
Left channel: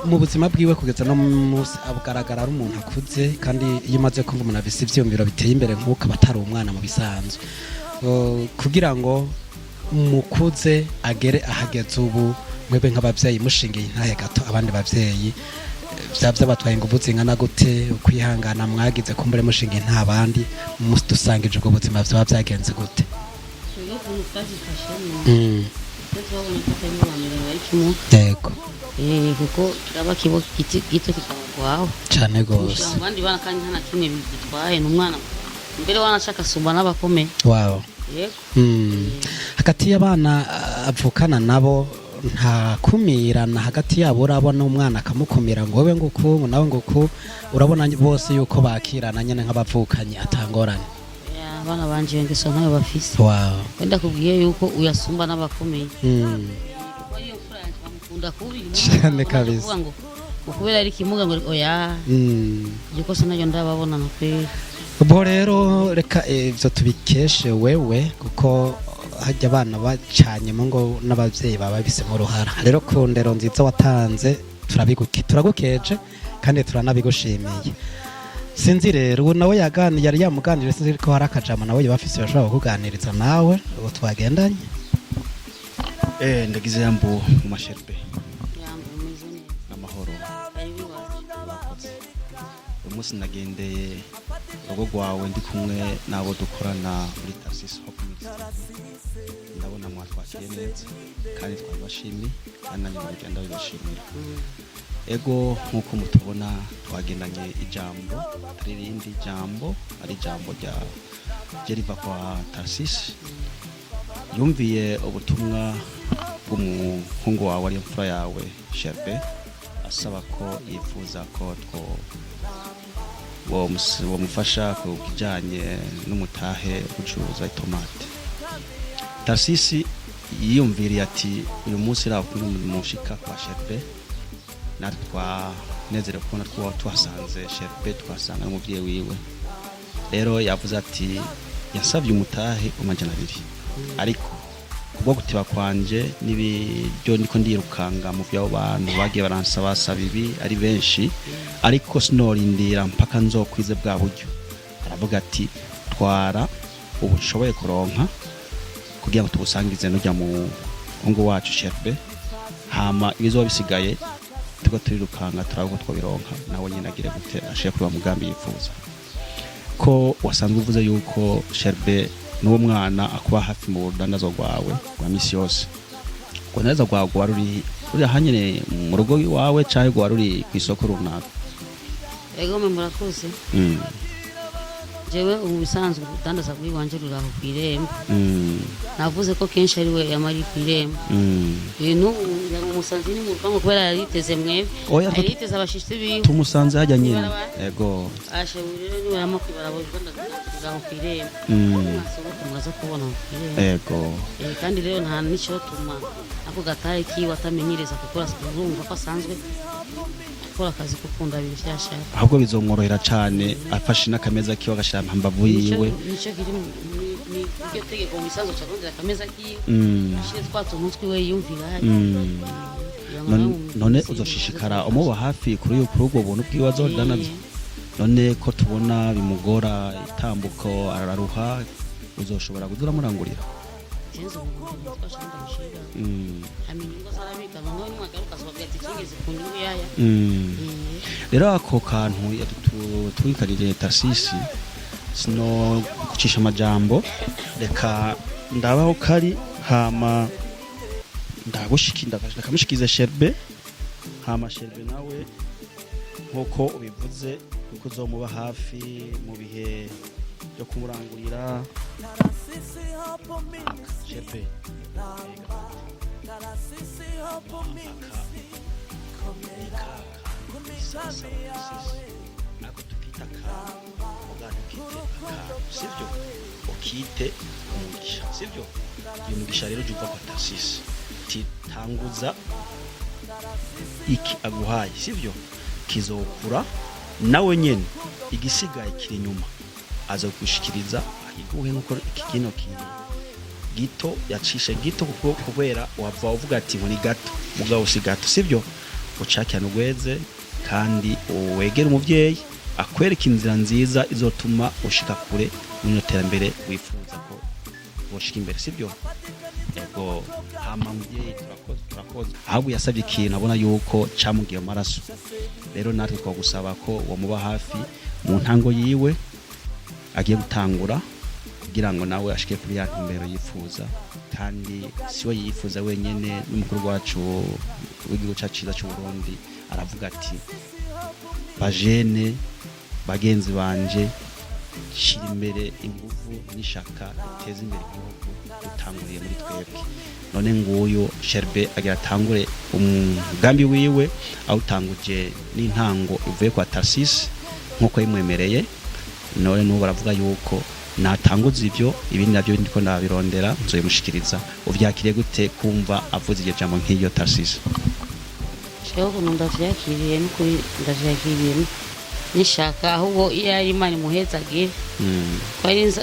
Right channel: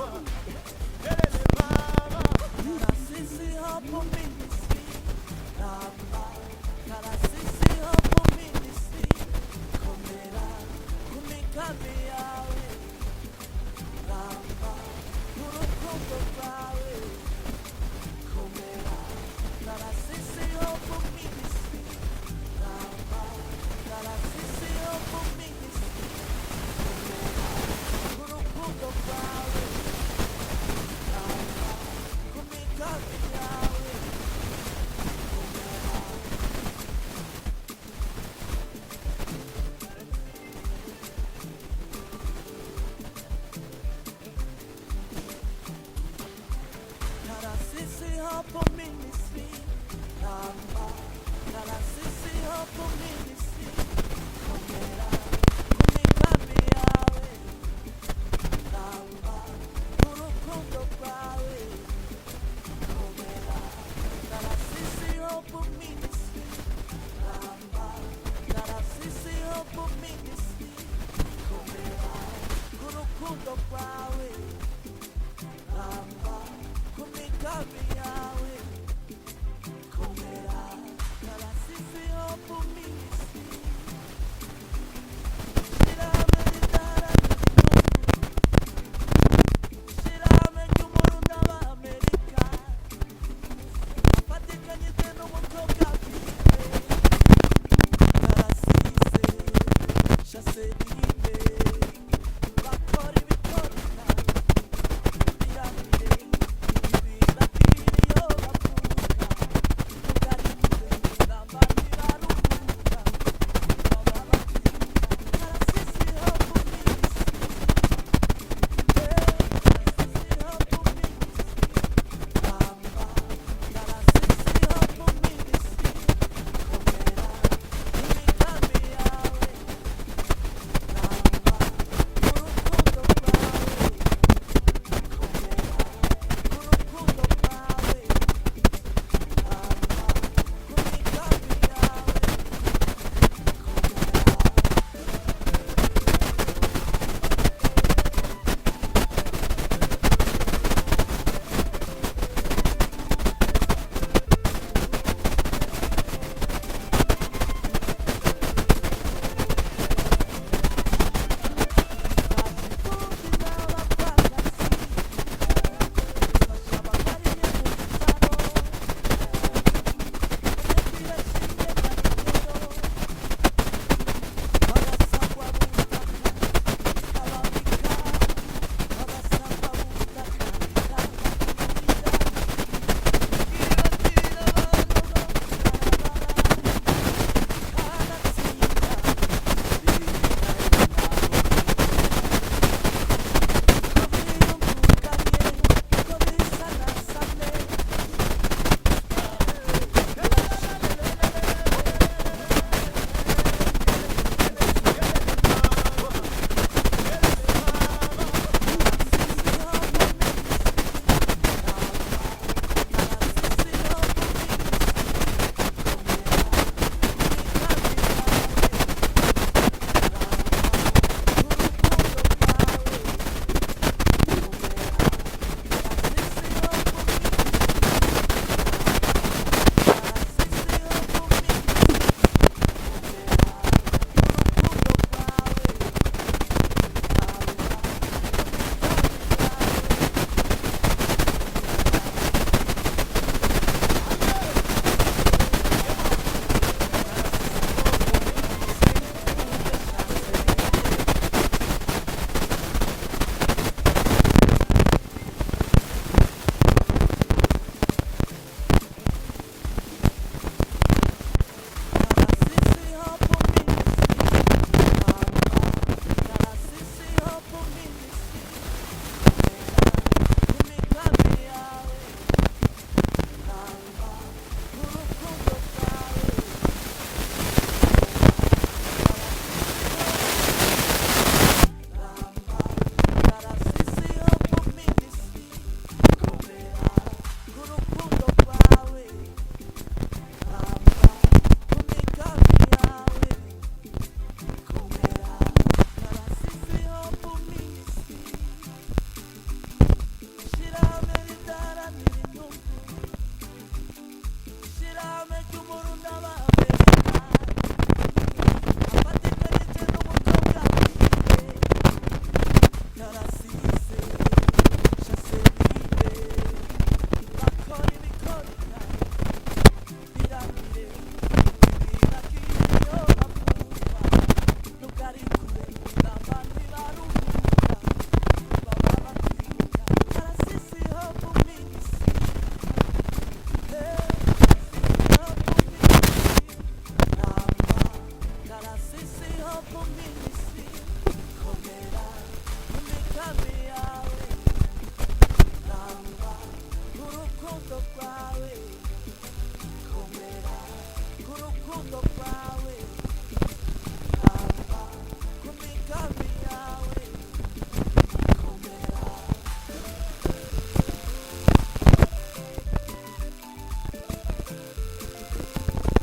mu buzima bwiwe kugeza no musi abugaragara ari umuntu akuze kandi iyo umaze kumva umuntu afise ivyumviro biteye imbere nk'uko abatari umwana mu bisanzwe kugira ngo mukuze agere ahageze ubu mwebwe nk'abavyeyi mushingiye intahe gato abandi bavyeyi by'abatwaye ingufu zingana gute kwihangana mwagize kumbure mushingiye nta bandi dusangije ubwo buzima byaba byagenze gute yego kuko aba kibo gito kwaho cyane gose abandi bana kandi nta kimwe bitwaye n'umwana mbere wanashaka sumba n'abakomeye wow hagati y'abana avukana nabo nta kumirana hagati yabo urabona umwana akamukumira ngo wowe nguku nawe nguku urabona bose yuko bakirana nyene nk'abavukanye atangoranye abana banje ngeso nkayo bafise wenda kubwiye yuko uyasumba n'abakomeye cyane kabisa kubera ari kimuga ngo oya yuko se nayo ndababona na pe ubwo rero reka ivyo tubikeshe wewe kuko hajya abana bacanyemo ngo n'abavyeyi baba bisemo uruhara rero ku ndero nziza watanze turagukeje kandi turanabigushimiye sinzi rero ubu nawe yari yamuganire sinzi ko hari akajambo nawe yabafise bashobora kuganiriza nawe ubu twagendanye ndagize yambo mashaka umunsi nagendeye urugo rwawe ndi kumwe nabo dukorana ego nkuko mubibona twagendeye ijambo irindi jambo rya riva kwa Tarasisi numviye ubutumwa bw'umuhungu wawe yitwa yawe Shefe asaba ko yifuza ko bomufasha ku bijyanye n'umutahe wo gucuruza tomate. Tarasisi yiyumviriye ati uyu munsi rabura umushika Shefe natwe twanezerewe kubona ko twasanze Shefe twasanga n'umubyeyi wiwe rero yavuze ati yasabye umutahe w'amajana 2 ariko ubwo gutiba kwanje n'ibyo niko ndirukanga mu byo abantu bagiye baransaba ibi ari benshi ariko sinorindira mpaka nzokwiza bwa buryo avuga ati twara ubushoboye kuronka kugira ngo tugusangize n'ujya mu ngo wacu Shefe hama ibizo bisigaye ubwo turirukanga turavuga ko bironka nawe nyine agire gufera Shefe wa mugambi yifuza ko wasanzwe uvuze yuko Shefe n'uwo mwana akuba hafi mu ruganda rwawe amisi yose unaza rwawe ruri ahanyene mu rugo iwawe cyangwa ruri ku isoko runaka ego murakoze jewe ubu bisanzwe gutandaza kuri wanjye kwiremba navuze ko kenshi ari we yamari kwiremba uyu umusazi w'umupangu kubera yariteze mwebwe yariteze abashitsi biwe tumusanze hajya nyine yego ashobora n'uwamo kandi rero nta n'icyo avuga atari kiba atamenyereza gukora siporo wasanzwe gukora akazi k'ukunda bishyashya ahubwo bizomworohera cyane afashe n'akameza kiwe agashyira mu mbavu yiwe none uzoshishikara umuba hafi kuri ubwo buntu bw'ibibazo bw'amezi none ko tubona bimugora utambuko araruha uzoshobora kugura murangurira rero ako kantu twitabiriye Tarasisi sino gucisha amajambo reka ndabaho kari hama ndagushikiza Shefe amashanyarazi nawe nk'uko ubivuze uzomuba hafi mu bihe turangira iki aguhaye sivyo kizovura nawe nyene igisigaye kiri inyuma aza gushikiriza uhe nko kigenda gito yacisha gito kuko kubera wava uvuga ati muri gato mugabo si gato sivyo ucakira n'ugweze kandi wegera umuvyeyi akwereka inzira nziza izotuma ushika kure mu terambere ushikira sivyo ahubwo yasabye ikintu abona yuko cyamugiye amaraso rero natwe twagusaba ko wamuba hafi mu ntango yiwe agiye gutangura kugira ngo nawe ashike ku myaka imbere yifuza kandi siwe yifuza wenyine n'umukuru wacu w'igihugu cyacu cy'Uburundi aravuga ati bajene bagenzi banje shira imbere n'ishaka guteza imbere none nguyu Shefe agira atangure umugambi wiwe awutanguje n'intango ivuye kwa Tarasisi nkuko yimwemereye none n'ubu baravuga yuko natanguza ivyo ibindi navyo ndiko ndabirondera nzoyimushikiriza uvyakiriye gute kumva avuze iryo jambo nk'iyo Tarasisi rero ukuntu ndavyakiriye n'ukuri ndavyakiriye nishaka ahubwo iyo ari Imana imuhezagire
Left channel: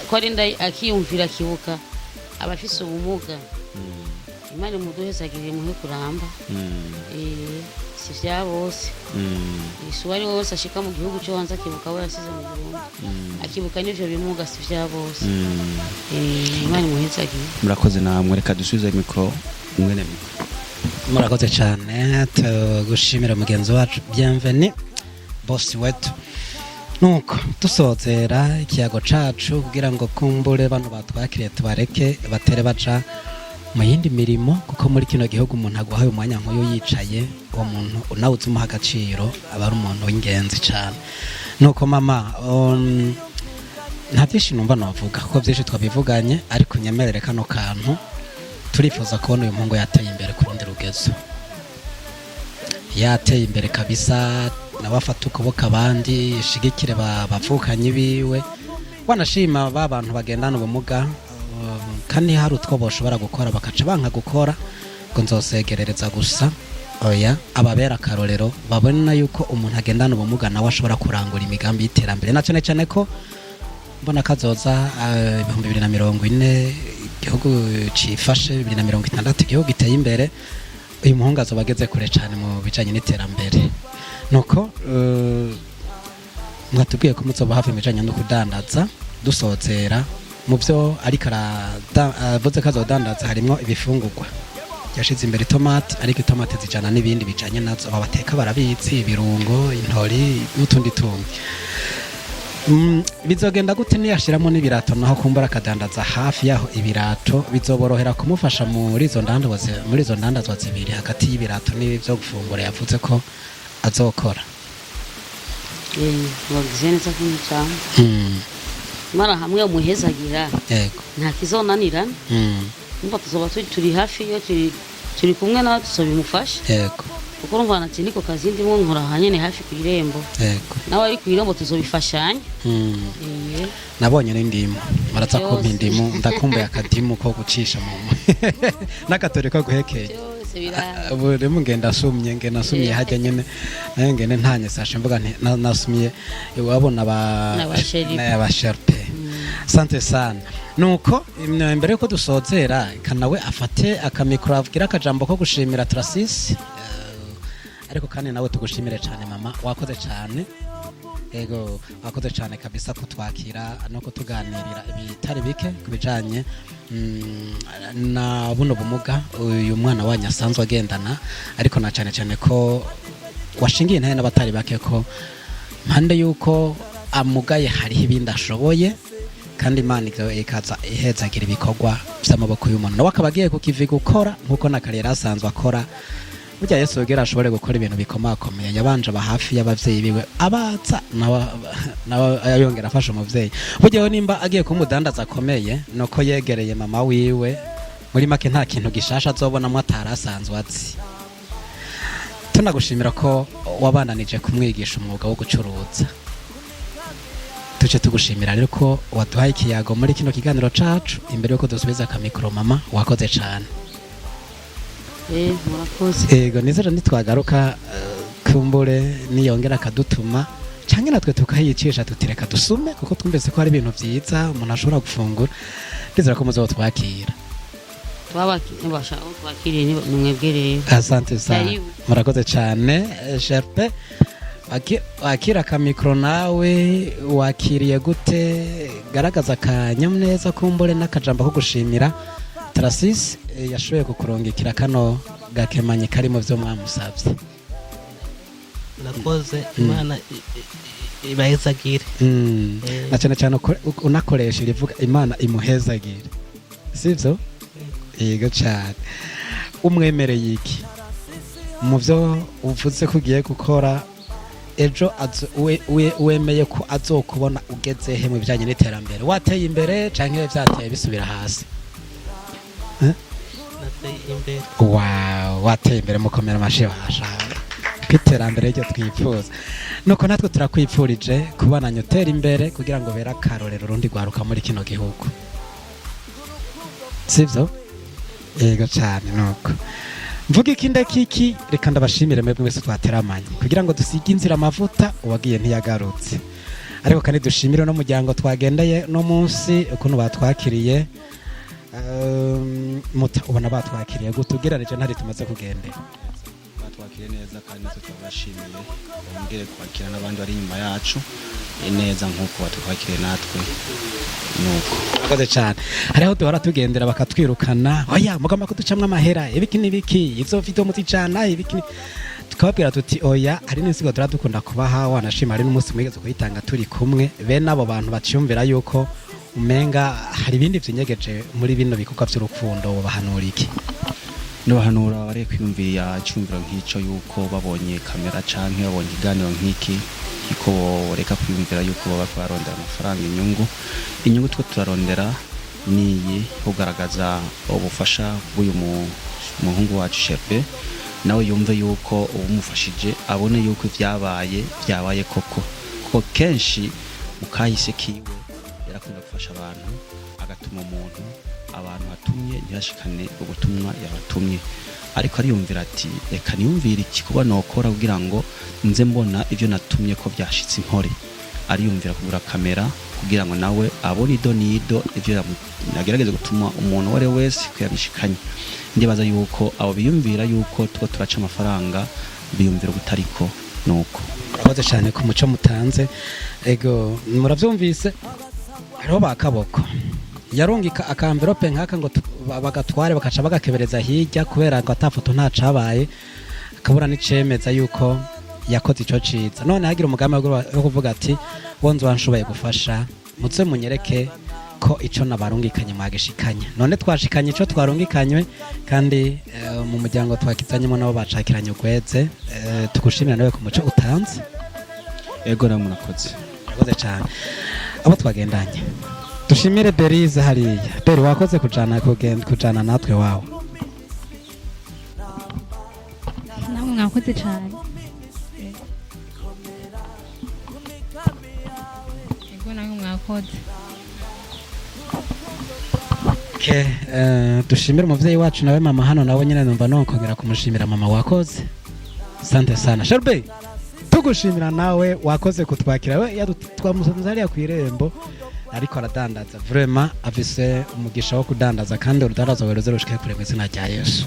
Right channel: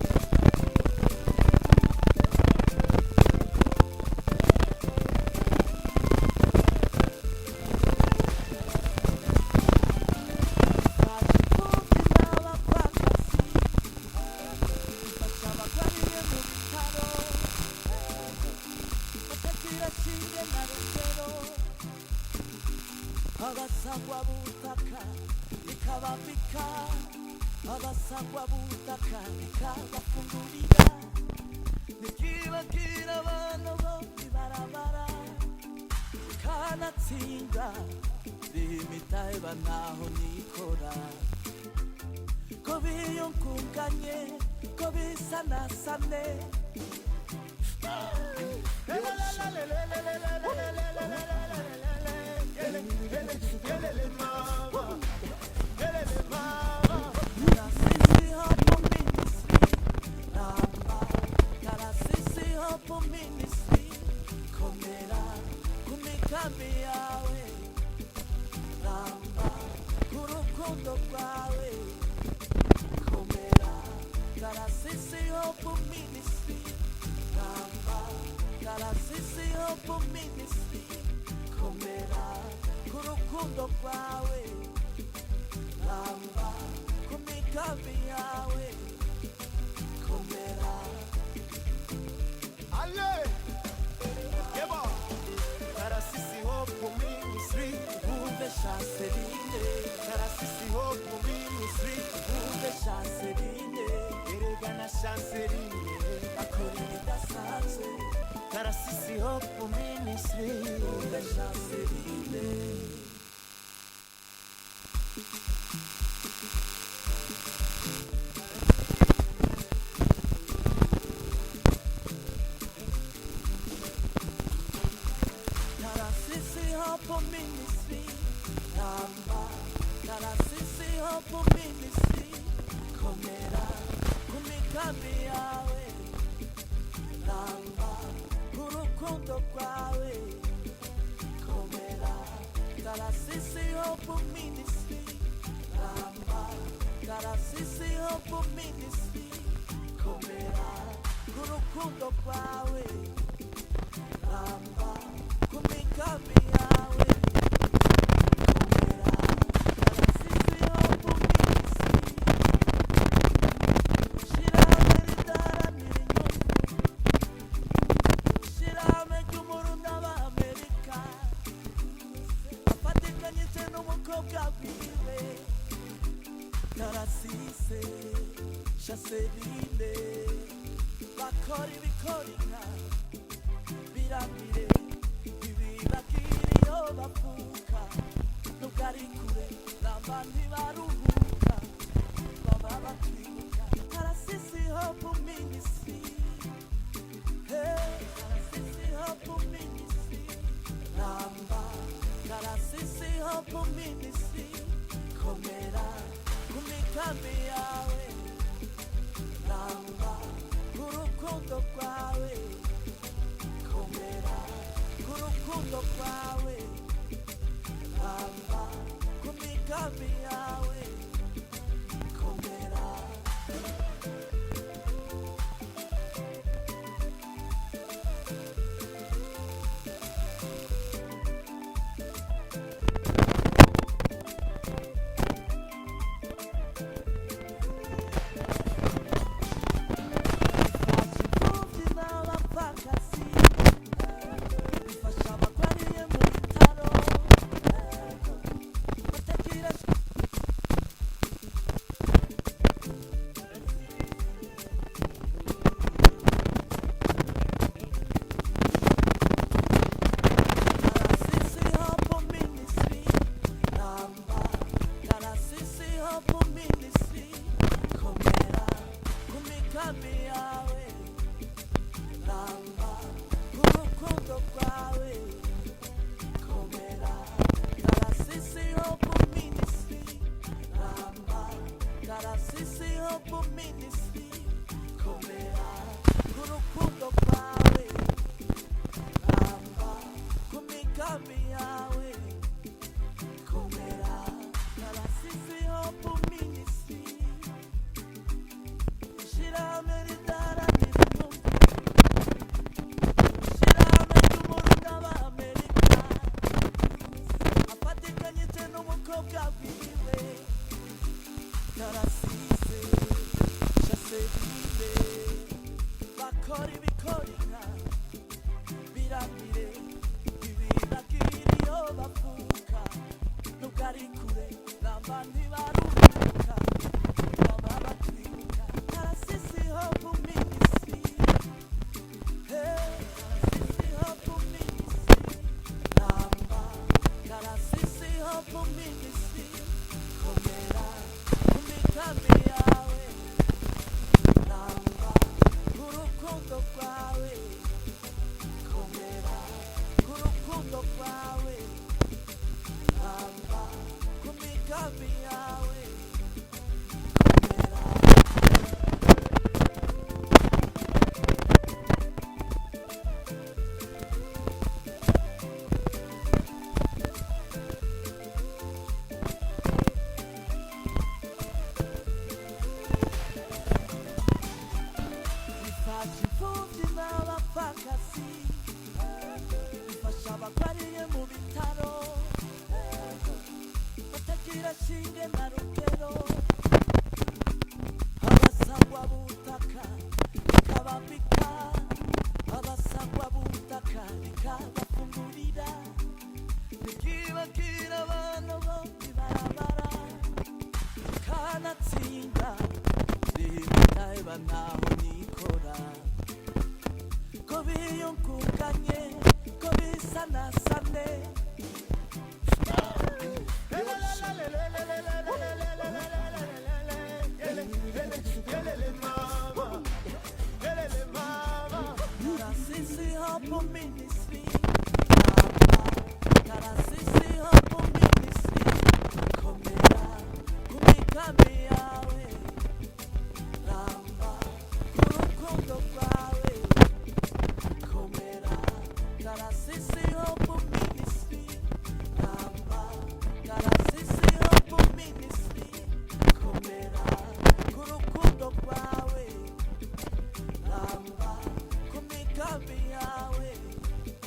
ko ari akiyumvira kibuka abafise ubumuga Imana imuhezagire niwe kuramba si vya bose uwari wose ashika mu gihugu cyo wanza akibuka aho yasize akibuka n'ivyo bimuga si vya bose Imana imuhezagire. murakoze namwe, reka dusubize mikoro mwene murakoze cyane tugushimira mugenzi wacu Bienvenue bosi wetu. Nuko dusozera ikiyago cacu kugira ngo kumbure bano batwakiriye tubareke batere baca mu yindi mirimo, kuko muri kino gihugu umuntu aguhaye umwanya nk'uyu yicaye, uwo muntu unawuzi umuha agaciro aba ari umuntu w'ingenzi cyane. Nuko mama nta byinshi numva navuga kuko byinshi twabivuganye, ariko nyemerere kano kantu turifuza kubona uyu muhungu yateye imbere ku rundi rugezo, yateye imbere kabisa, nawe afata ukuboko abandi ishigikire bavukanyi biwe, wanashima ba bantu bagendana ubumuga kandi hari utwo boshobora gukora bakaca banka gukora ngo nzosegerereza gusa, oya ababera akarorero babona yuko umuntu agendana ubumuga nawe ashobora kurangura imigambi y'iterambere, na cyane cyane ko mbona kazoza 2040 igihugu cifashe 2060 igihugu giteye imbere, uyu muhungu azoba ageze kure cyane mu bijanye n'iterambere. Nuko mwatubwiye ko muzoba hafi mu bijanye no kudandaza, dusozera mu byo ariko aravuze ko azodandaza harimo ibifungurwa, yashize imbere itomate, ariko itomate zijana n'ibindi bijanye nazo abateka barabizi, ibirungo, intori n'utundi tuntu. Bizogenda gute niyashiramo n'ibirato naho kumbura akadandaza hafi yaho ibirato bizoborohera kumufasha muri izo ndandazwa zibiri hagati y'ibirato n'ibyo gufungura yavuze ko azokora. wagize neza kumucanga mara hamwe umuhezagira Yego. nta kizonanirana umva tuzoba turi hafi iyo turi kumwe nawe dusoba imufasha. Yego. kuko urumva nati niko kazi ndimo nkora hanyene hafi ku irembo. Yego. nawe ari ku irembo tuzobifashanya. Nabonye n'indimu baraza kumpa indimu, ndakumbuye akadimu ko gucisha mu n'akatore ko guhekeye ubu rero ngenda asumye hajya nyene nayo ngene ntanye sashe mvuga nti nasumye wabona ba sharpe. Sante sana. Nuko mbere yuko dusozera kanawe afate akamikoro avugira akajambo ko gushimira Trasis, rero kandi nawe tugushimire cyane mama, wakoze cyane. Yego wakoze cyane kabisa ko twakira no kutuganira bitari bike kubijanye na buno bumuga uyu mwana wanyu asanzwe agendana, ariko na cyane cyane ko washingiye ntaye n'abatari bake ko mpande yuko amugaye hariho ibindi ashoboye, kandi Imana ikaza ihezagira ibikorwa by'amaboko y'umuntu nawe akaba agiye kukivi gukora nk'uko na kariyeri asanzwe akora. Burya Yesu yogera ashobore gukora ibintu bikomakomeye, yabanje aba hafi y'abavyeyi biwe abaza nawe ayongera afasha umuvyeyi. Burya nimba agiye kumudandaza akomeye nuko yegereye mama wiwe, muri make nta kintu gishasha azobonamwo atarasanzwe azi. Tunagushimira ko wabananije kumwigisha umwuga wo gucuruza, tuce tugushimira rero ko waduhaye ikiyago muri kino kiganiro cacu. Imbere yuko dusubiza akamikoro mama, wakoze cyane. murakoze. Yego, nizera nitwagaruka kumbure niyongera akadutuma cyangwa natwe tukayicisha tutireka dusume, kuko twumvise ko hari ibintu byiza umuntu ashobora gufungura. Nizera ko muzoba twakira. twakiriye nimwebwereye. Asante sana, murakoze cyane. Shepe wakira akamikoro nawe wakiriye gute? Garagaza akanyamuneza kumbure n'akajambo ko gushimira Trasis yashoboye kukurungikira kano gakemanyi karimo byo mwamusabye. Nakoze Imana ibahezagire. Na cyane cyane unakoresha irivuga Imana imuhezagire, sibyo? Yego cyane. Umwemereye iki mu byo uvuze ko ugiye gukora ejo wemeye ko azokubona ugeze he mu bijyanye n'iterambere? Wateye imbere cyangwa byateye bisubira hasi? Wow, wateye imbere mukomera amashyi bashaka kwiterambere ryo twifuza. Nuko natwe turakwipfurije kubananya utera imbere kugira ngo bera akarorero rundi rwaruka muri kino gihugu, sibyo? Yego cyane. Nuko mvuga ikinde kiki reka ndabashimire mwebwe mwese twateramanye kugira ngo dusige inzira amavuta uwagiye ntiyagarutse ariko kandi dushimire no muryango twagendeye no munsi ukuntu batwakiriye ubona batwakiriye gutugeranije ntari tumaze kugenda twakiriye neza kandi turashimira ngere kwakira n'abandi bari inyuma yacu neza nk'uko batwakiriye natwe nuko akoze cyane hariho duhora tugendera bakatwirukana oya mugomba kuducamwa amahera ibiki n'ibiki izo video muzicana ibiki tukababwira tuti oya ari n'insigo turadukunda kubaha wanashima ari n'umunsi mwiza twitanga turi kumwe bene abo bantu bacyumvira yuko umenga hari ibindi byinyegeje muri bino bikorwa by'urukundo bahanura iki n'abahanura bari kwiyumvira cyumvira nk'icyo yuko babonye kamera canke babonye iganiro nk'iki ko reka kwiyumvira yuko baba barondera amafaranga inyungu twe turarondera niyi kugaragaza ubufasha bw'uyu muhungu wacu Shepe nawe yumve yuko ubumufashije abone yuko byabaye koko kuko kenshi mukahise gafasha abantu agatuma abantu batumye ntibashikane ubutumwa yabatumye ariko ariyumvira ati reka niyumvire iki kuba nokora kugira ngo nze mbona ibyo natumye ko byashitse inkore ariyumvira kugura kamera kugira ngo nawe abone ido nido ibyo yagerageza gutuma umuntu wari wese kuyabishikanye ndibaza yuko abo biyumvira yuko two turaca amafaranga biyumvira ubutariko nuko abaze cyane ku muco mutanze ego muravyumvise hariho bakaboko yarungika akamverope nkaka ngo bagatware bakaca bagakebereza hirya kubera ngo atafoto ntacabaye akabura n'icemeza yuko yakoze ico ciza none hagira umugambi wo kuvuga ati wonzo wanshoboye gufasha mutse munyereke ko ico nabarungikanye magishikanye none twashikanye ico twarungikanywe kandi mu muryango twakizanyemo nabo bacakiranye ugweze tugushimira nawe ku muco utanze ego namurakoze akoze cyane abo twagendanye dushimire Berize hariya Beri wakoze kujana natwe wawe mwakoze cyane dushimire umuvyeyi wacu nawe mama hano nawe nyine numva nokongera kumushimira mama wakoze sante sana Sharbe tugushimira nawe wakoze kutwakira we twamusanze hariya ku irembo ariko aradandaza vraiment afise umugisha wo kudandaza kandi urudandaza weroze rushike kure kw'izina rya Yesu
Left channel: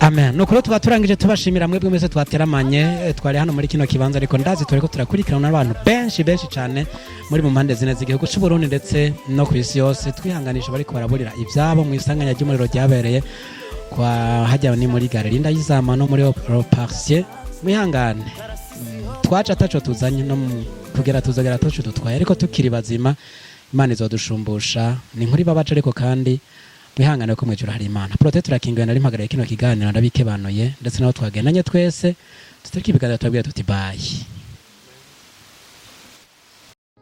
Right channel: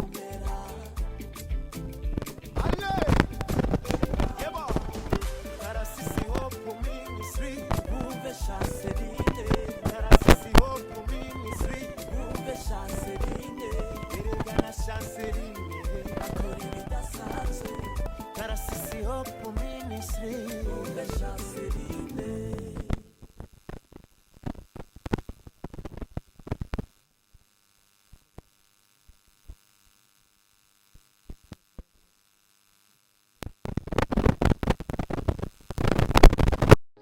amen nuko twaturangije tubashimira mwebwe mwese twateramanye twari hano muri kino kibanza ariko ndazi tureko turakurikirana n'abantu benshi cyane muri mu mpande zine z'igihugu cy'u Burundi ndetse no ku isi yose twihanganisha bariko baraburira ibyabo mu isanganya ry'umuriro ryabereye kwa hajya ni muri gare Linda y'izama no muri Parcier wihangane twaca ataco tuzanye no kugera tuzagera toco dutwaye ariko tukiri bazima Imana izodushumbusha ni nkuri babaca ariko kandi wihangane ko mwijuru hari Imana prote turakingiwe nari mpagaraye kino kiganiro ndabikebanuye ndetse naho twagendanye twese tutariki biganiro twabwira tuti bye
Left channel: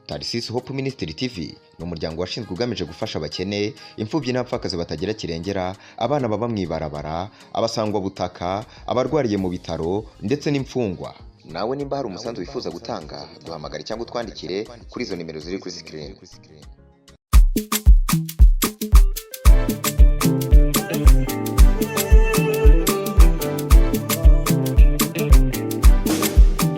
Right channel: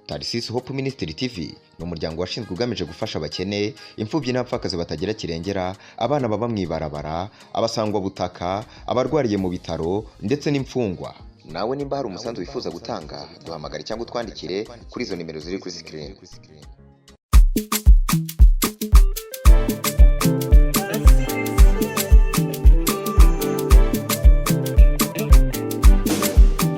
Tarsis Hope Ministry TV ni umuryango washinzwe ugamije gufasha abakene imfubyi n'abapfakazi batagira kirengera abana baba mwibarabara abasangwa butaka abarwariye mu bitaro ndetse n'imfungwa nawe nimba hari umusanzu wifuza gutanga duhamagare cyangwa twandikire kuri izo nimero ziri kuri screen